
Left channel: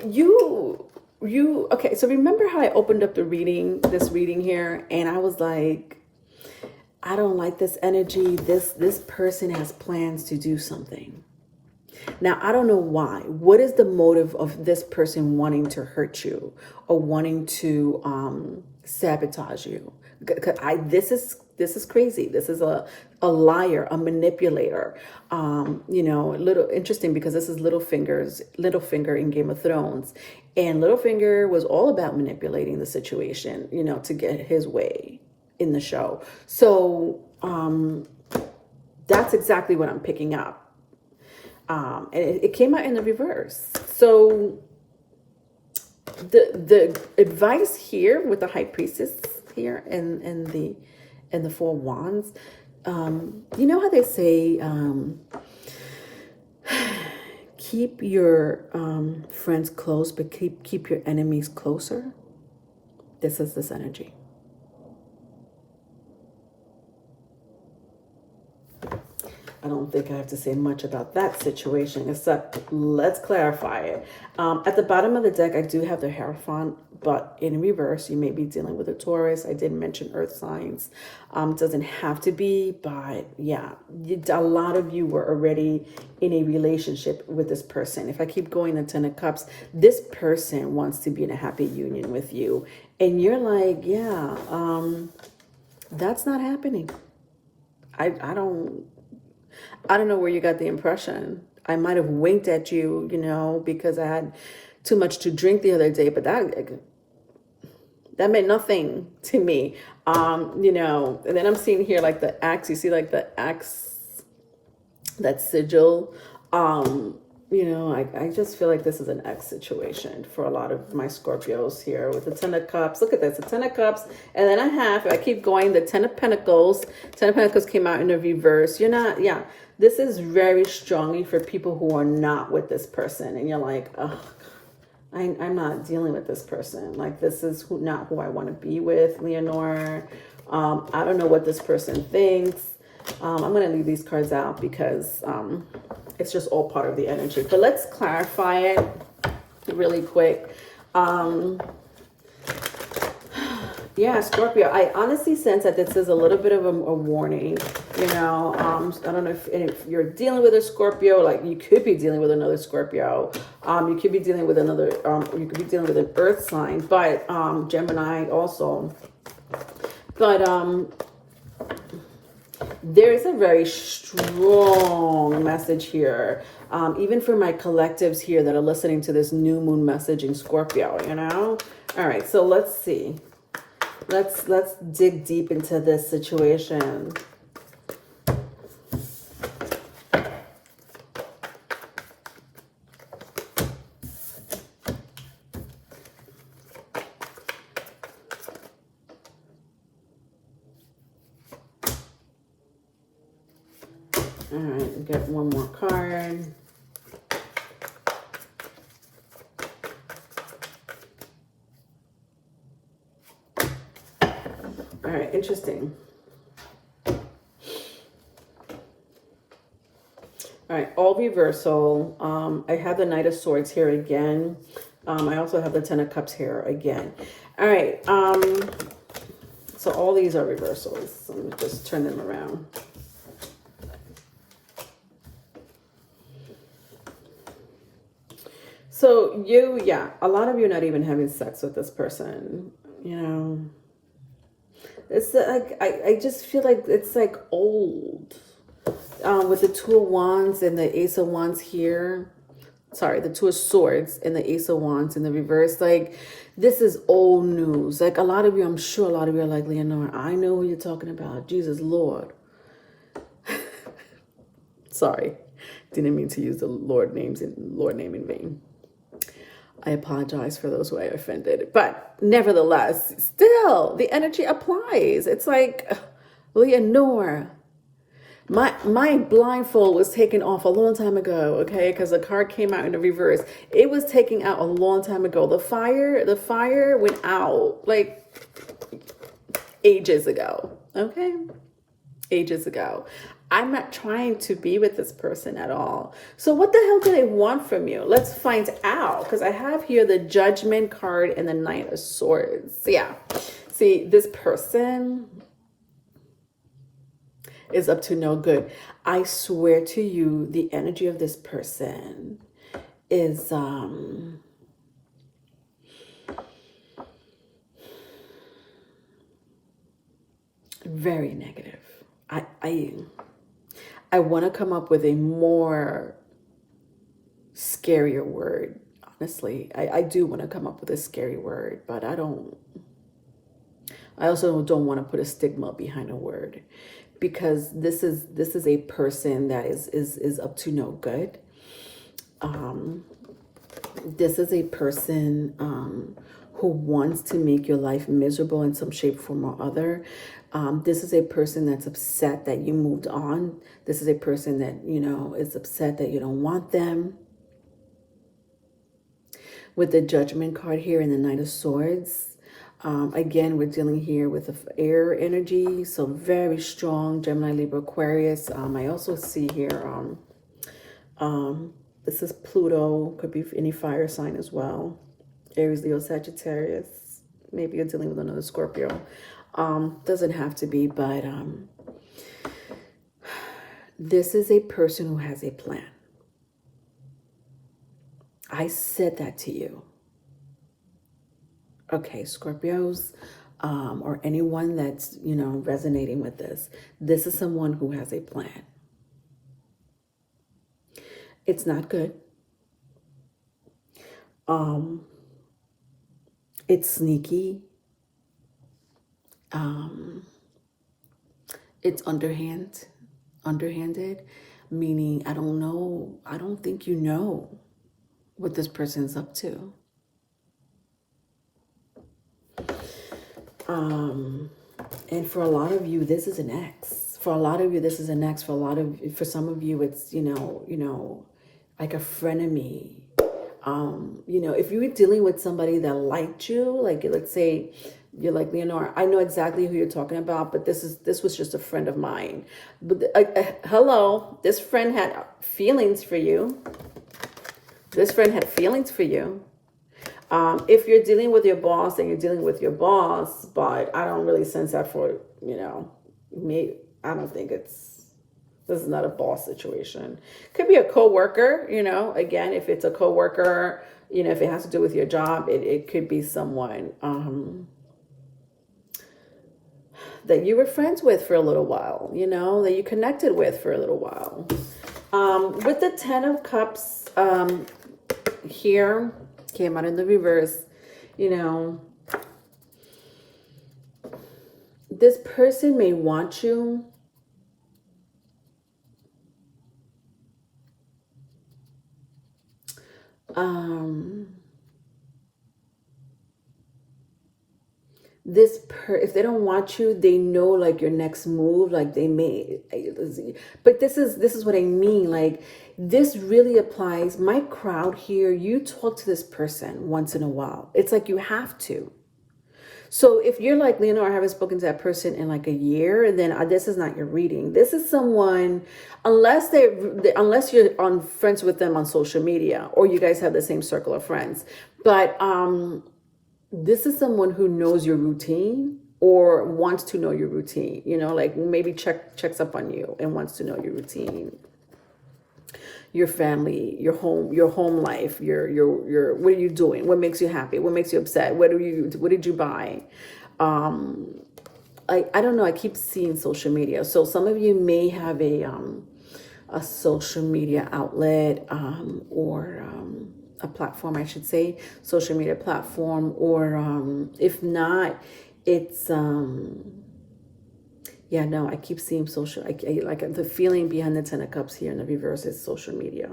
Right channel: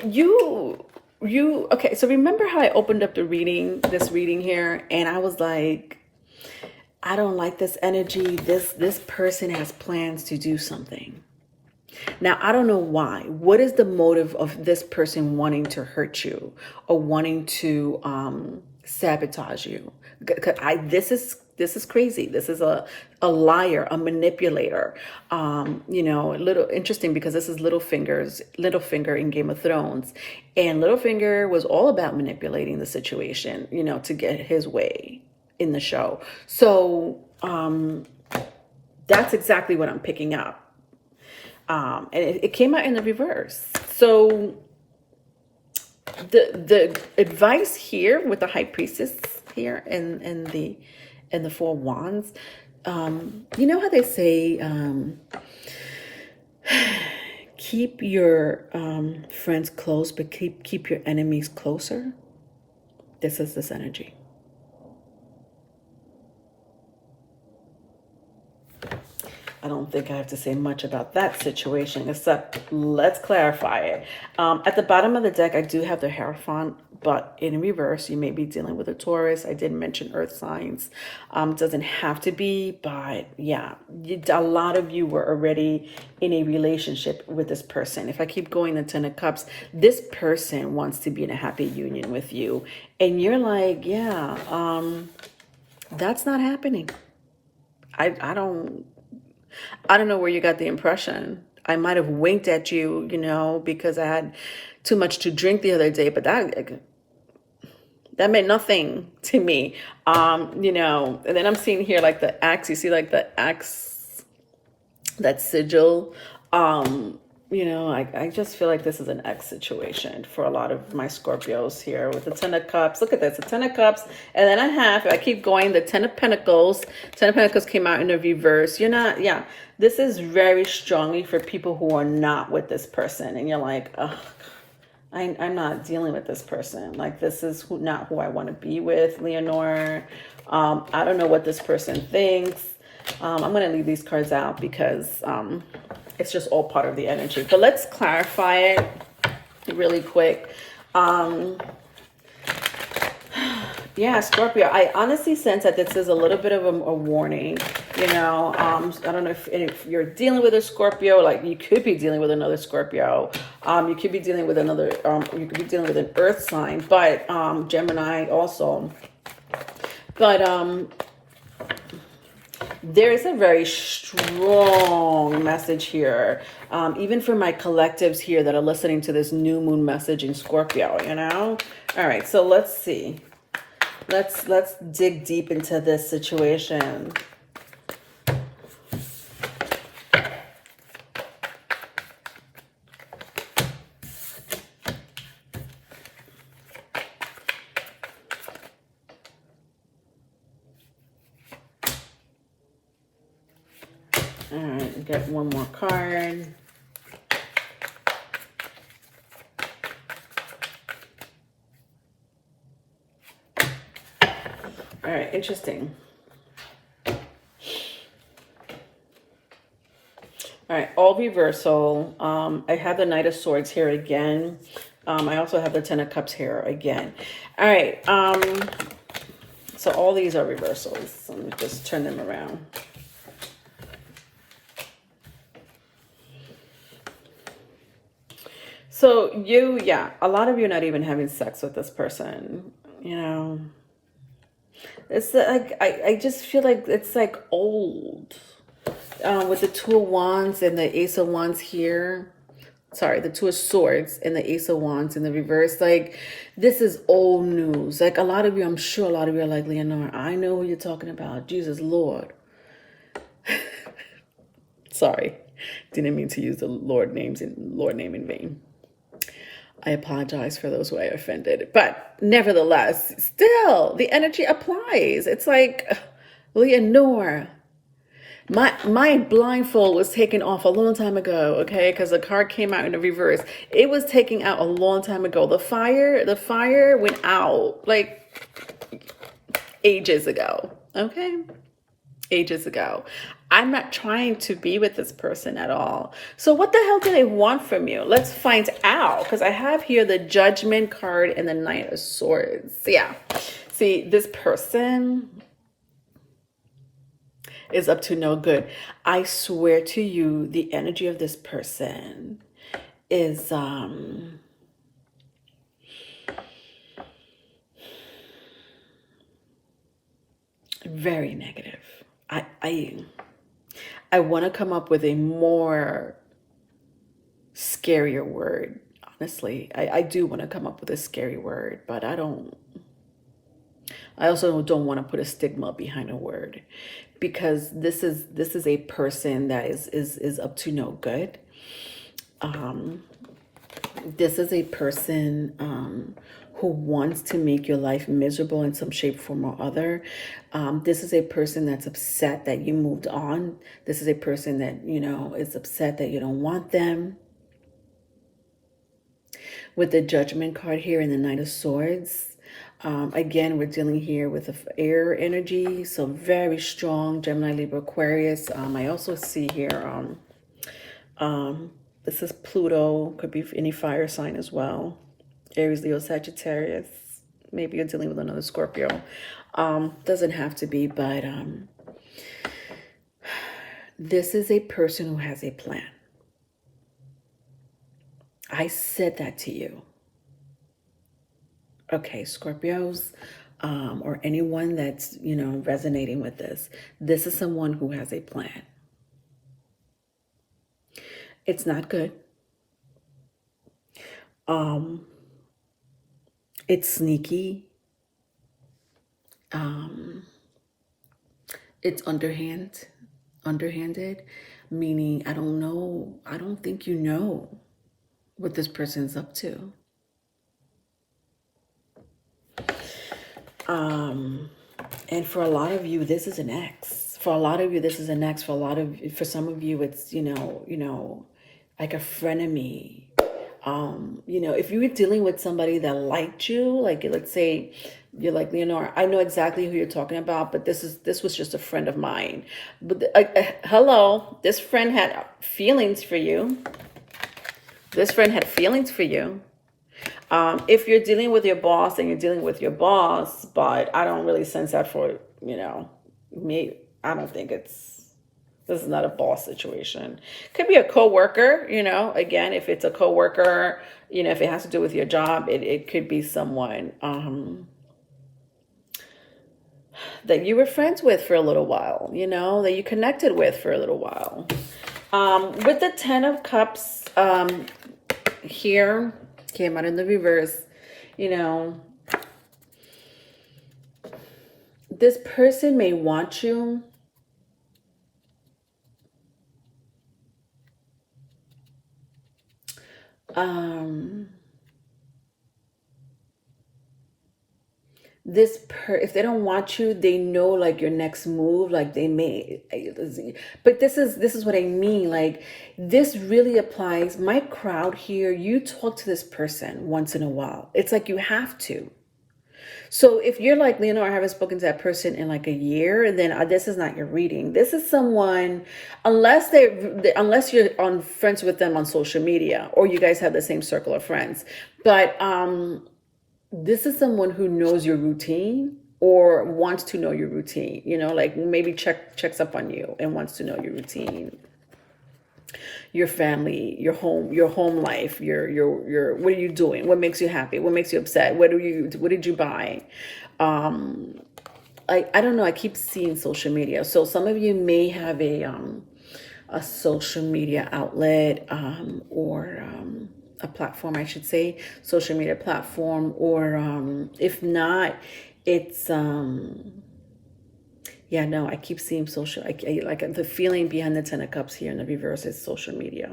okay, so remember how I opened up this reading here, and I was like, I don't like this energy. This person has plans to do something. Now, I don't know why. What is the motive of this person wanting to hurt you or wanting to sabotage you? This is crazy. This is a liar, a manipulator. A little interesting because this is Littlefinger in Game of Thrones. And Littlefinger was all about manipulating the situation, to get his way in the show. So that's exactly what I'm picking up. And it came out in the reverse. So the advice here with the High Priestess here and the Four Wands, how they say, keep your friends close, but keep your enemies closer. This is this energy. I don't think I have to say much about that situation, except let's clarify it. At the bottom of the deck, I do have the Hierophant, but in reverse, you may be dealing with a Taurus. I did mention earth signs. Doesn't have to be, but yeah, a lot of you were already in a relationship with this person. If I keep going, the Ten of Cups, this person wants to be in a happy union with you. And you're like, yeah, that's not happening. I don't know where you got the impression. I might have winked at you, you know, because I had too much to drink the other day, but that meant nothing to me. You know, and then I'm seeing here like the axe, you see like the axe, that sigil. You know, I just feel like this is an X situation for a lot of my Scorpios here with the Ten of Cups. Look at this, the Ten of Cups. And then if I keep going, the Ten of Pentacles. Ten of Pentacles came out in the reverse. You're not, yeah. This is very strongly for people who are not with this person. And you're like, oh, I'm not dealing with this person. Like, this is not who I want to be with, Leonore. I don't know what this person thinks. I'm going to leave these cards out because it's just all part of the energy. But let's clarify it really quick. Yeah, Scorpio, I honestly sense that this is a little bit of a warning. You know, I don't know if you're dealing with a Scorpio, like you could be dealing with another Scorpio. You could be dealing with another, you could be dealing with an earth sign, but Gemini also. But there is a very strong message here, even for my collectives here that are listening to this new moon message in Scorpio, you know? All right, so let's see. Let's dig deep into this situation. All right, get one more card. All right, interesting. All right, all reversal. I have the Knight of Swords here again. I also have the Ten of Cups here again. All right, so all these are reversals. Let me just turn them around. So yeah, a lot of you are not even having sex with this person, you know. It's like, I just feel like it's like old. With the Two of Wands and the Ace of Wands here. Sorry, the Two of Swords and the Ace of Wands in the reverse. Like, this is old news. Like, a lot of you, I'm sure a lot of you are like, Leonore, I know who you're talking about. Jesus, Lord. Sorry. Didn't mean to use the Lord name in vain. I apologize for those who I offended. But nevertheless, still, the energy applies. It's like, Leonore, my blindfold was taken off a long time ago, okay? Because the card came out in the reverse. It was taken out a long time ago. The fire went out, like, ages ago, okay? Ages ago. I'm not trying to be with this person at all. So what the hell do they want from you? Let's find out. Because I have here the Judgment card and the Knight of Swords. Yeah. See, this person is up to no good. I swear to you, the energy of this person is very negative. I want to come up with a more scarier word. Honestly, I do want to come up with a scary word, but I also don't want to put a stigma behind a word, because this is a person that is up to no good. This is a person who wants to make your life miserable in some shape, form, or other. This is a person that's upset that you moved on. This is a person that, you know, is upset that you don't want them. With the Judgment card here and the Knight of Swords, Again, we're dealing here with the air energy, so very strong, Gemini, Libra, Aquarius. I also see here, this is Pluto, could be any fire sign as well. Aries, Leo, Sagittarius. Maybe you're dealing with another Scorpio. Doesn't have to be, but this is a person who has a plan. I said that to you. Okay, Scorpios, or anyone that's, resonating with this. This is someone who has a plan. It's not good. It's sneaky. It's underhanded, meaning I don't think you know what this person's up to. And for a lot of you, this is an ex. For a lot of you, this is an ex. For some of you, it's, like a frenemy. If you were dealing with somebody that liked you, like let's say you're like, Leonora, I know exactly who you're talking about, but this was just a friend of mine. But hello, this friend had feelings for you. This friend had feelings for you. If you're dealing with your boss, then you're dealing with your boss, but I don't really sense that for, me. I don't think this is not a boss situation. Could be a coworker, again, if it's a coworker, if it has to do with your job, it could be someone, that you were friends with for a little while, that you connected with for a little while. With the 10 of Cups, here, came out in the reverse, this person may want you. If they don't want you, they know like your next move, like they may, but this is what I mean. Like this really applies. My crowd here, you talk to this person once in a while. It's like you have to. So if you're like, Leonora, I haven't spoken to that person in like a year, then this is not your reading. This is someone, unless you're on friends with them on social media, or you guys have the same circle of friends. But this is someone who knows your routine or wants to know your routine, like maybe checks up on you and wants to know your routine, your family, your home life, your what are you doing? What makes you happy? What makes you upset? What did you buy? I don't know. I keep seeing social media. So some of you may have a social media outlet, or a platform, I should say, social media platform, or if not, it's yeah, no, I keep seeing social. I like the feeling behind the 10 of Cups here in the reverse is social media.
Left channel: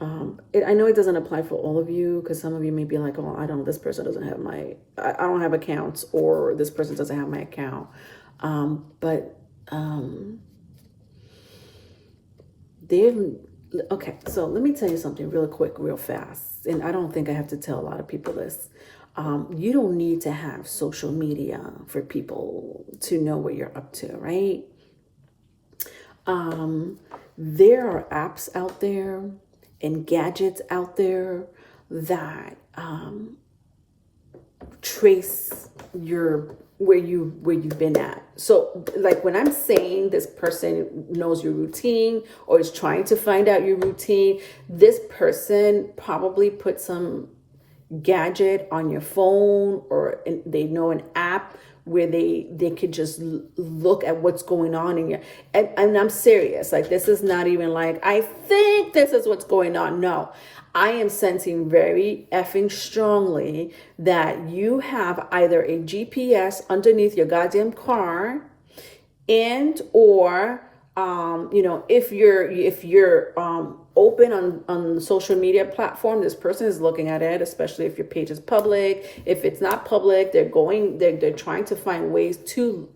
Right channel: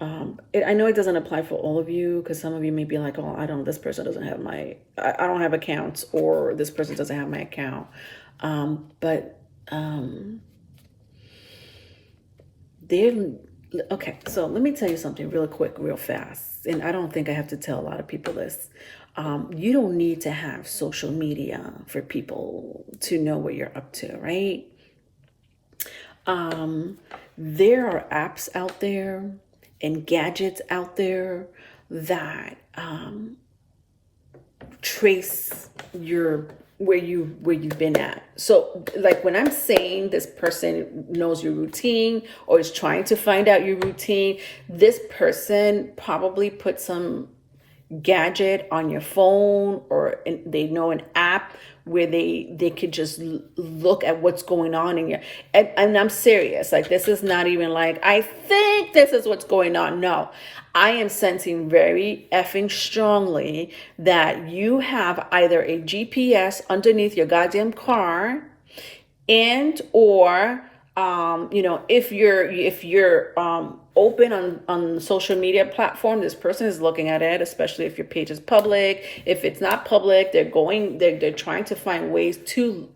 I know it doesn't apply for all of you, because some of you may be like, oh, this person doesn't have I don't have accounts, or this person doesn't have my account. Okay, so let me tell you something real quick, real fast. And I don't think I have to tell a lot of people this. You don't need to have social media for people to know what you're up to, right? There are apps out there and gadgets out there that trace where you've been at. So like when I'm saying this person knows your routine or is trying to find out your routine, this person probably put some gadget on your phone, or they know an app where they could just look at what's going on in your, and I'm serious. Like this is not even like, I think this is what's going on. No, I am sensing very effing strongly that you have either a GPS underneath your goddamn car, and or if you're open on social media platform, this person is looking at it, especially if your page is public. If it's not public, they're trying to find ways to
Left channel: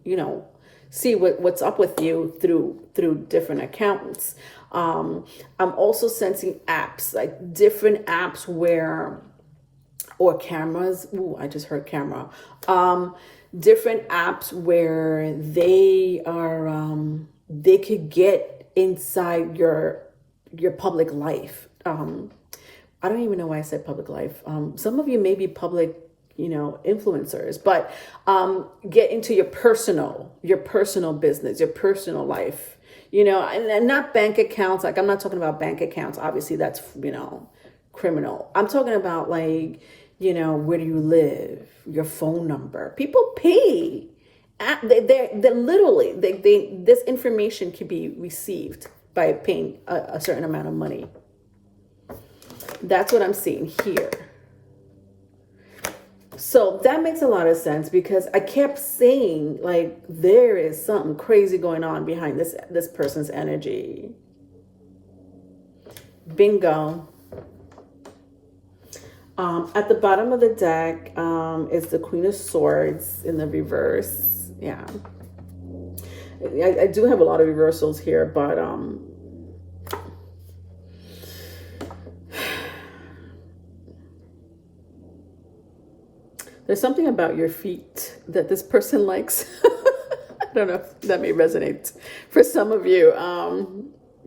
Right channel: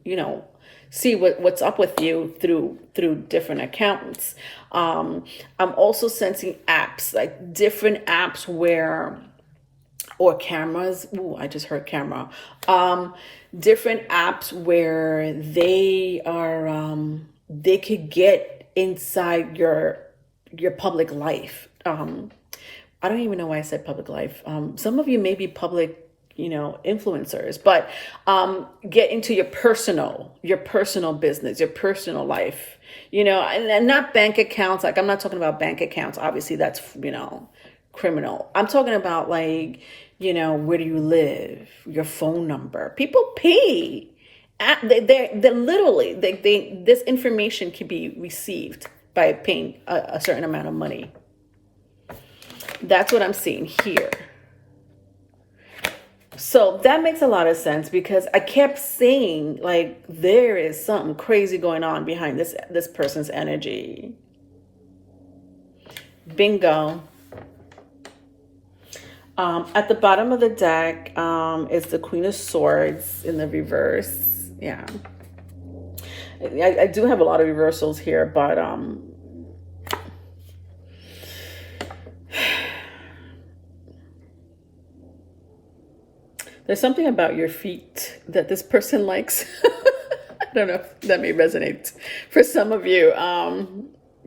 see what's up with you through different accounts. I'm also sensing apps, like different apps where or cameras. Ooh, I just heard camera. Different apps where they are, they could get inside your public life. I don't even know why I said public life. Some of you may be public, influencers, but get into your personal business, your personal life, and not bank accounts. Like, I'm not talking about bank accounts. Obviously that's, criminal. I'm talking about, like, where do you live, your phone number. People pay. They're literally, this information can be received by paying a certain amount of money. That's what I'm seeing here. So that makes a lot of sense, because I kept saying, like, there is something crazy going on behind this person's energy. Bingo. At the bottom of the deck is the Queen of Swords in the reverse. Yeah. I do have a lot of reversals here, but there's something about your feet that this person likes. I don't know if that may resonate for some of you.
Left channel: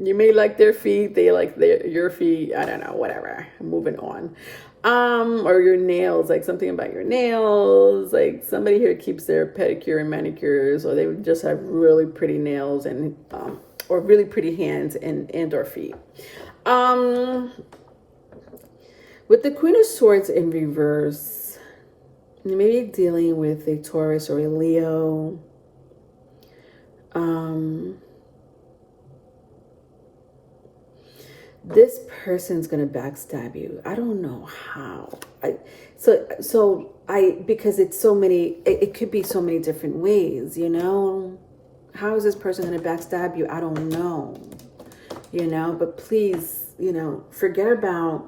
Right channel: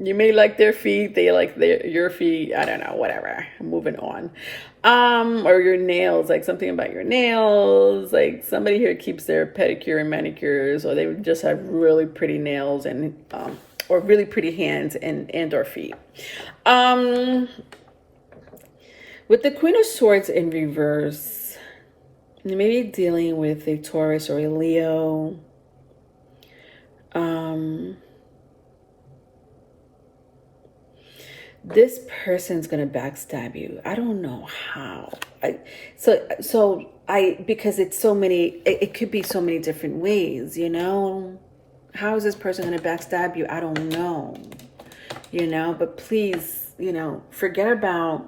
You may like their feet, they like your feet. I don't know, whatever. Moving on. Or your nails, like something about your nails. Like, somebody here keeps their pedicure and manicures, or they just have really pretty nails and or really pretty hands and or feet. With the Queen of Swords in reverse, you may be dealing with a Taurus or a Leo. This person's gonna backstab you. I don't know how. Because it's so many. It could be so many different ways. How is this person gonna backstab you? I don't know. But please, forget about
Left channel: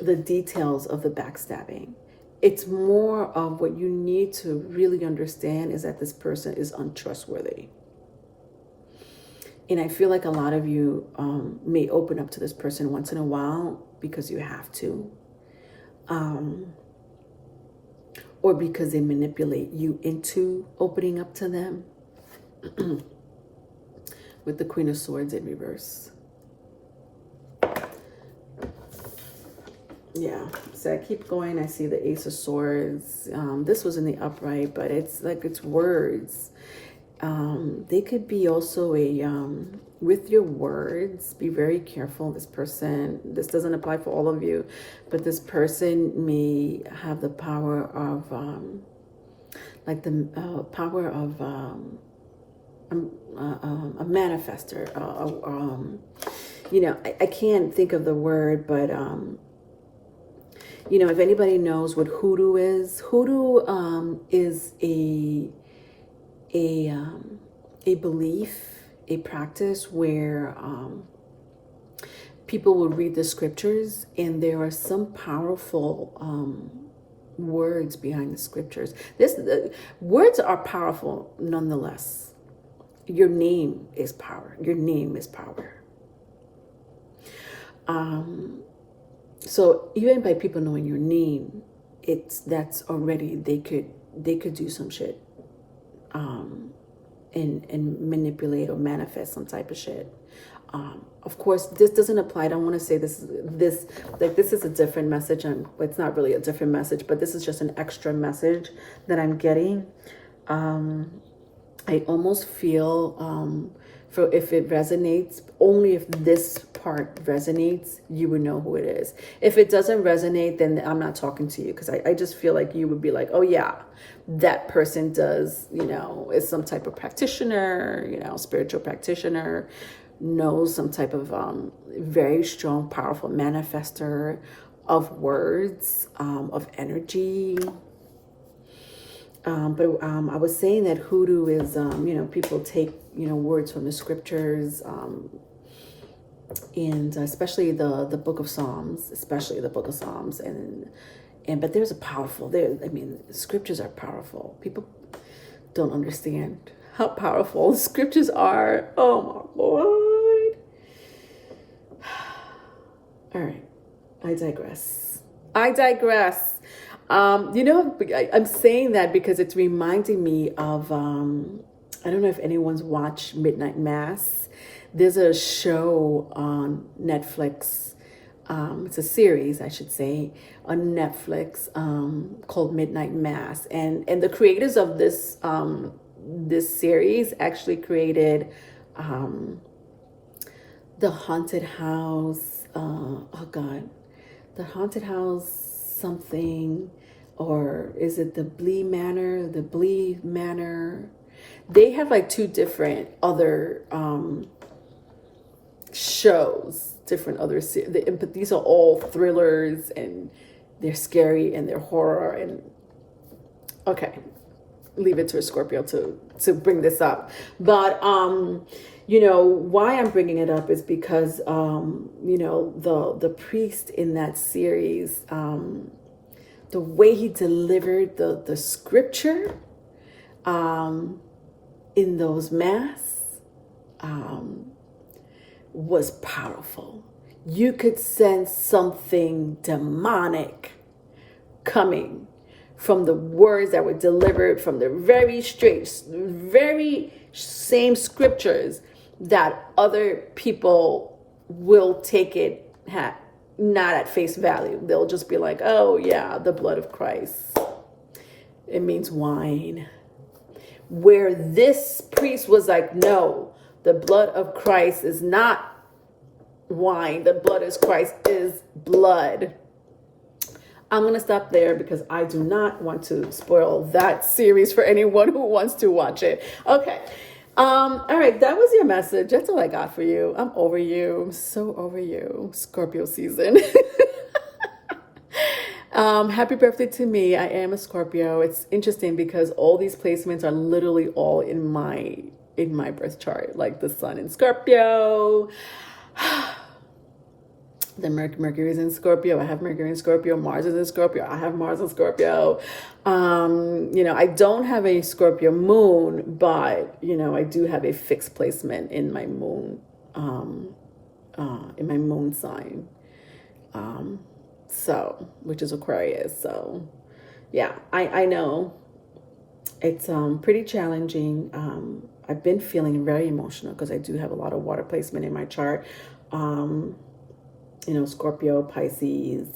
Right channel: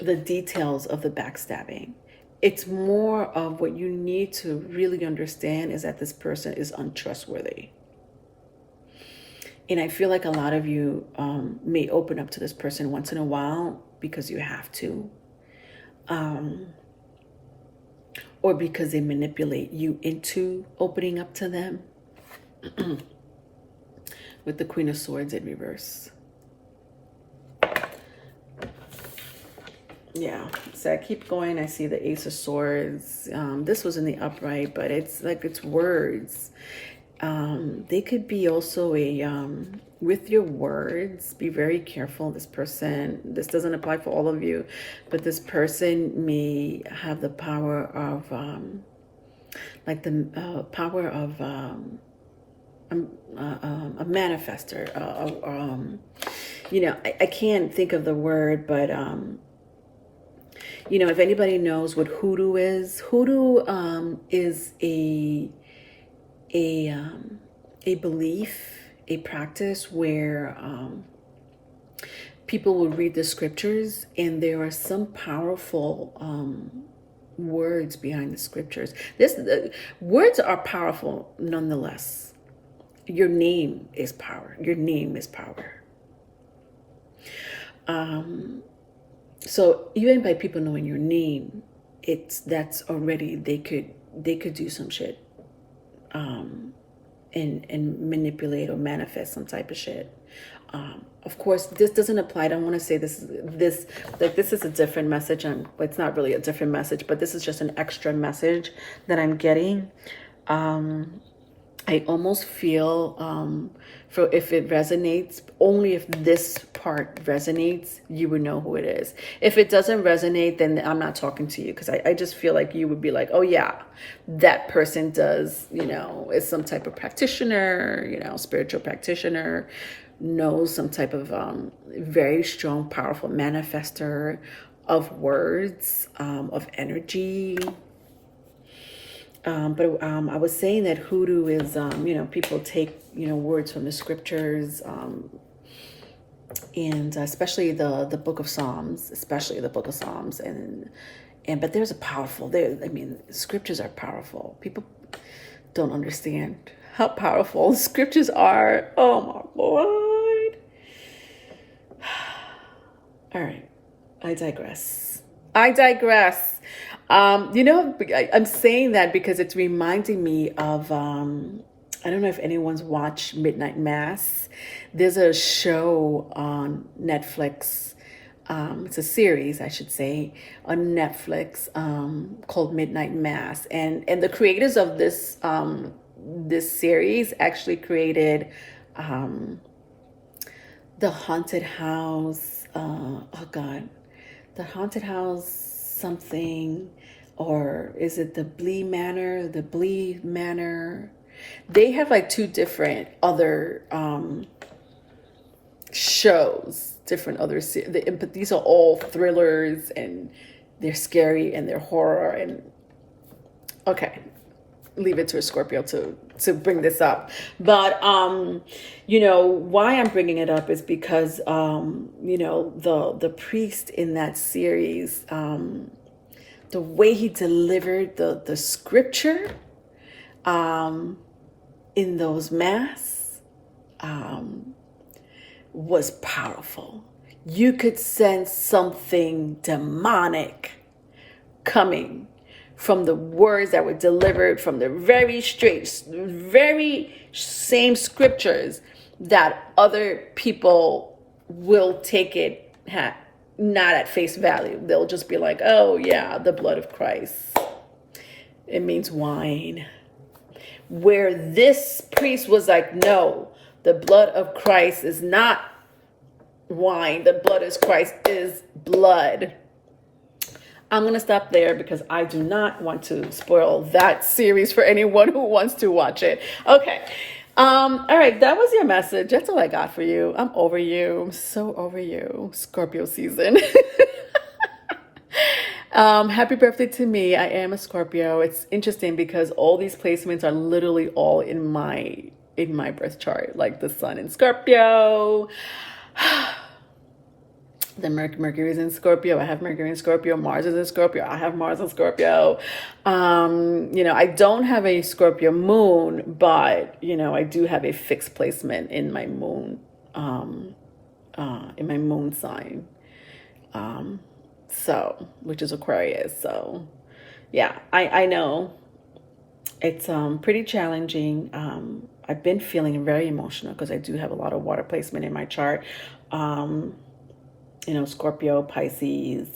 the details of the backstabbing. It's more of what you need to really understand is that this person is untrustworthy. And I feel like a lot of you may open up to this person once in a while because you have to. Or because they manipulate you into opening up to them. With the Queen of Swords in reverse. Yeah, so I keep going. I see the Ace of Swords. This was in the upright, but it's like, it's words. They could be also with your words, be very careful. This doesn't apply for all of you, but this person may have the power of, power of a manifester. I can't think of the word, but, if anybody knows what hoodoo is a belief, a practice where people will read the scriptures, and there are some powerful words behind the scriptures. Words are powerful nonetheless. Your name is power. Your name is power. So even by people knowing your name, that's already, they could do some shit. And manipulate or manifest some type of shit. Of course, this doesn't apply. I don't want to say this is a different message. It's not really a different message, but this is just an extra message that I'm getting. I almost feel for if it resonates, only if this part resonates, you would know who it is. If it doesn't resonate, then I'm not talking to you, because I just feel like you would be like, oh yeah, that person does, is some type of practitioner, spiritual practitioner, knows some type of very strong, powerful manifester of words, of energy. But I was saying that hoodoo is, people take, words from the scriptures, and especially the book of Psalms, but there's a powerful, scriptures are powerful. People don't understand how powerful scriptures are. Oh my Lord. All right. I digress. I digress. You know, I'm saying that because it's reminding me of, I don't know if anyone's watched Midnight Mass. There's a show on Netflix. It's a series, I should say, on Netflix called Midnight Mass. And the creators of this this series actually created the haunted house. Oh God, the haunted house something, or is it the Blee Manor? The Blee Manor. They have like two different other shows, different other but these are all thrillers, and they're scary and they're horror. And okay, leave it to a Scorpio to bring this up. But you know why I'm bringing it up is because you know the priest in that series, the way he delivered the scripture in those masks was powerful. You could sense something demonic coming from the words that were delivered from the very same scriptures that other people will take it not at face value. They'll just be like, oh yeah, the blood of Christ. It means wine. Where this priest was like, no, the blood of Christ is not wine. The blood of Christ is blood. I'm going to stop there because I do not want to spoil that series for anyone who wants to watch it. Okay. All right. That was your message. That's all I got for you. I'm over you. I'm so over you. Scorpio season. Happy birthday to me. I am a Scorpio. It's interesting because all these placements are literally all in my birth chart, like the sun in Scorpio. The Mercury is in Scorpio. I have Mercury in Scorpio. Mars is in Scorpio. I have Mars in Scorpio. You know, I don't have a Scorpio moon, but you know, I do have a fixed placement in my moon, sign. So, which is Aquarius. So, yeah, I know it's pretty challenging. I've been feeling very emotional because I do have a lot of water placement in my chart. You know, Scorpio, Pisces,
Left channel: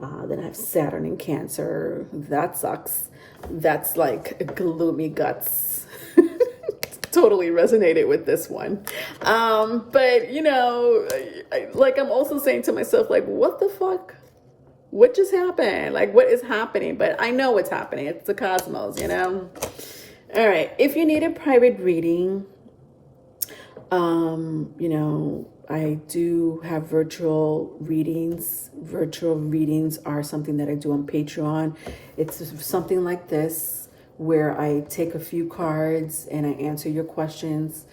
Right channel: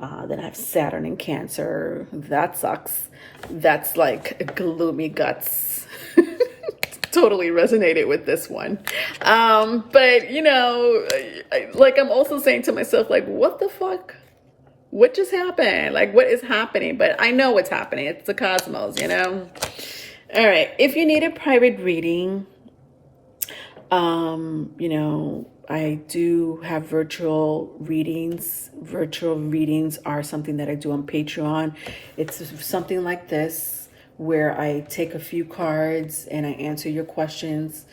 then I have Saturn in Cancer. That sucks. That's like gloomy guts. Totally resonated with this one. But you know, like I'm also saying to myself, like, what the fuck? What just happened? Like, what is happening? But I know what's happening. It's the cosmos, you know? All right. If you need a private reading, you know, I do have virtual readings. Virtual readings are something that I do on Patreon. It's something like this where I take a few cards and I answer your questions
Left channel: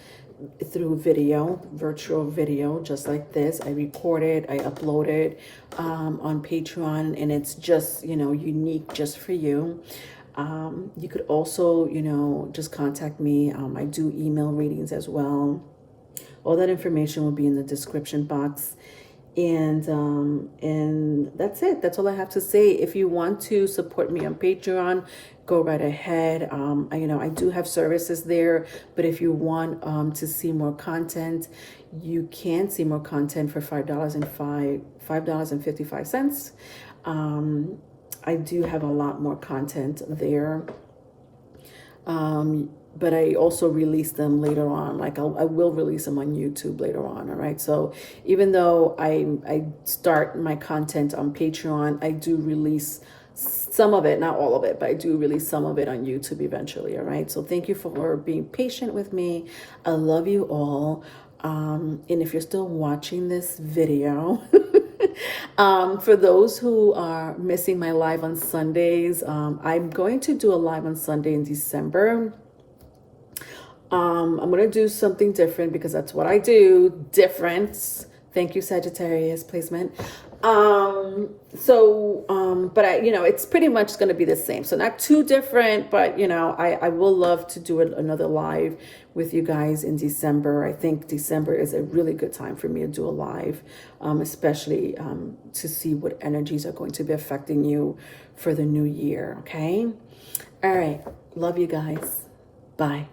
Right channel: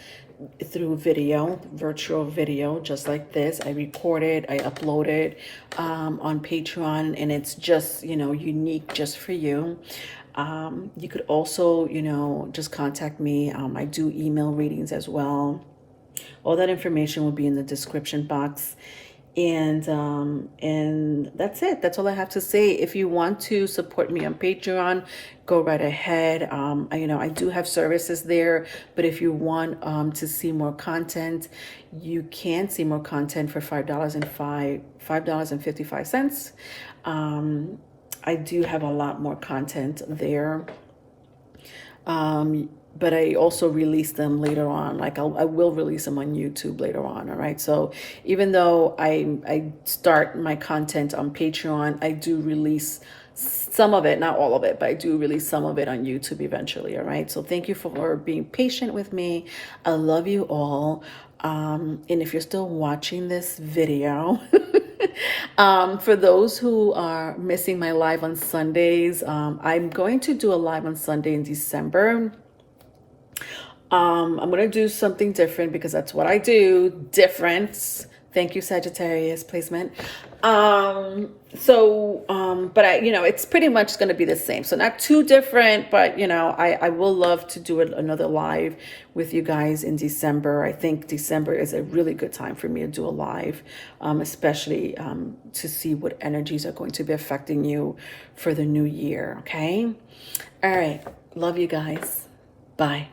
through video, virtual video, just like this. I record it, I upload it on Patreon, and it's just, you know, unique just for you. You could also, you know, just contact me. I do email readings as well. All that information will be in the description box. And that's it. That's all I have to say. If you want to support me on Patreon, go right ahead. You know, I do have services there, but if you want to see more content, you can see more content for $5.55. I do have a lot more content there. But I also release them later on. Like I will release them on YouTube later on. All right. So even though I start my content on Patreon, I do release some of it, not all of it, but I do release some of it on YouTube eventually. All right. So thank you for being patient with me. I love you all. And if you're still watching this video, for those who are missing my live on Sundays, I'm going to do a live on Sunday in December. I'm going to do something different because that's what I do. Different. Thank you, Sagittarius placement. But it's pretty much going to be the same. So not too different, but I will love to do another live with you guys in December. I think December is a really good time for me to do a live, especially to see what energies are going to be affecting you for the new year. Okay. All right. Love you guys. Bye.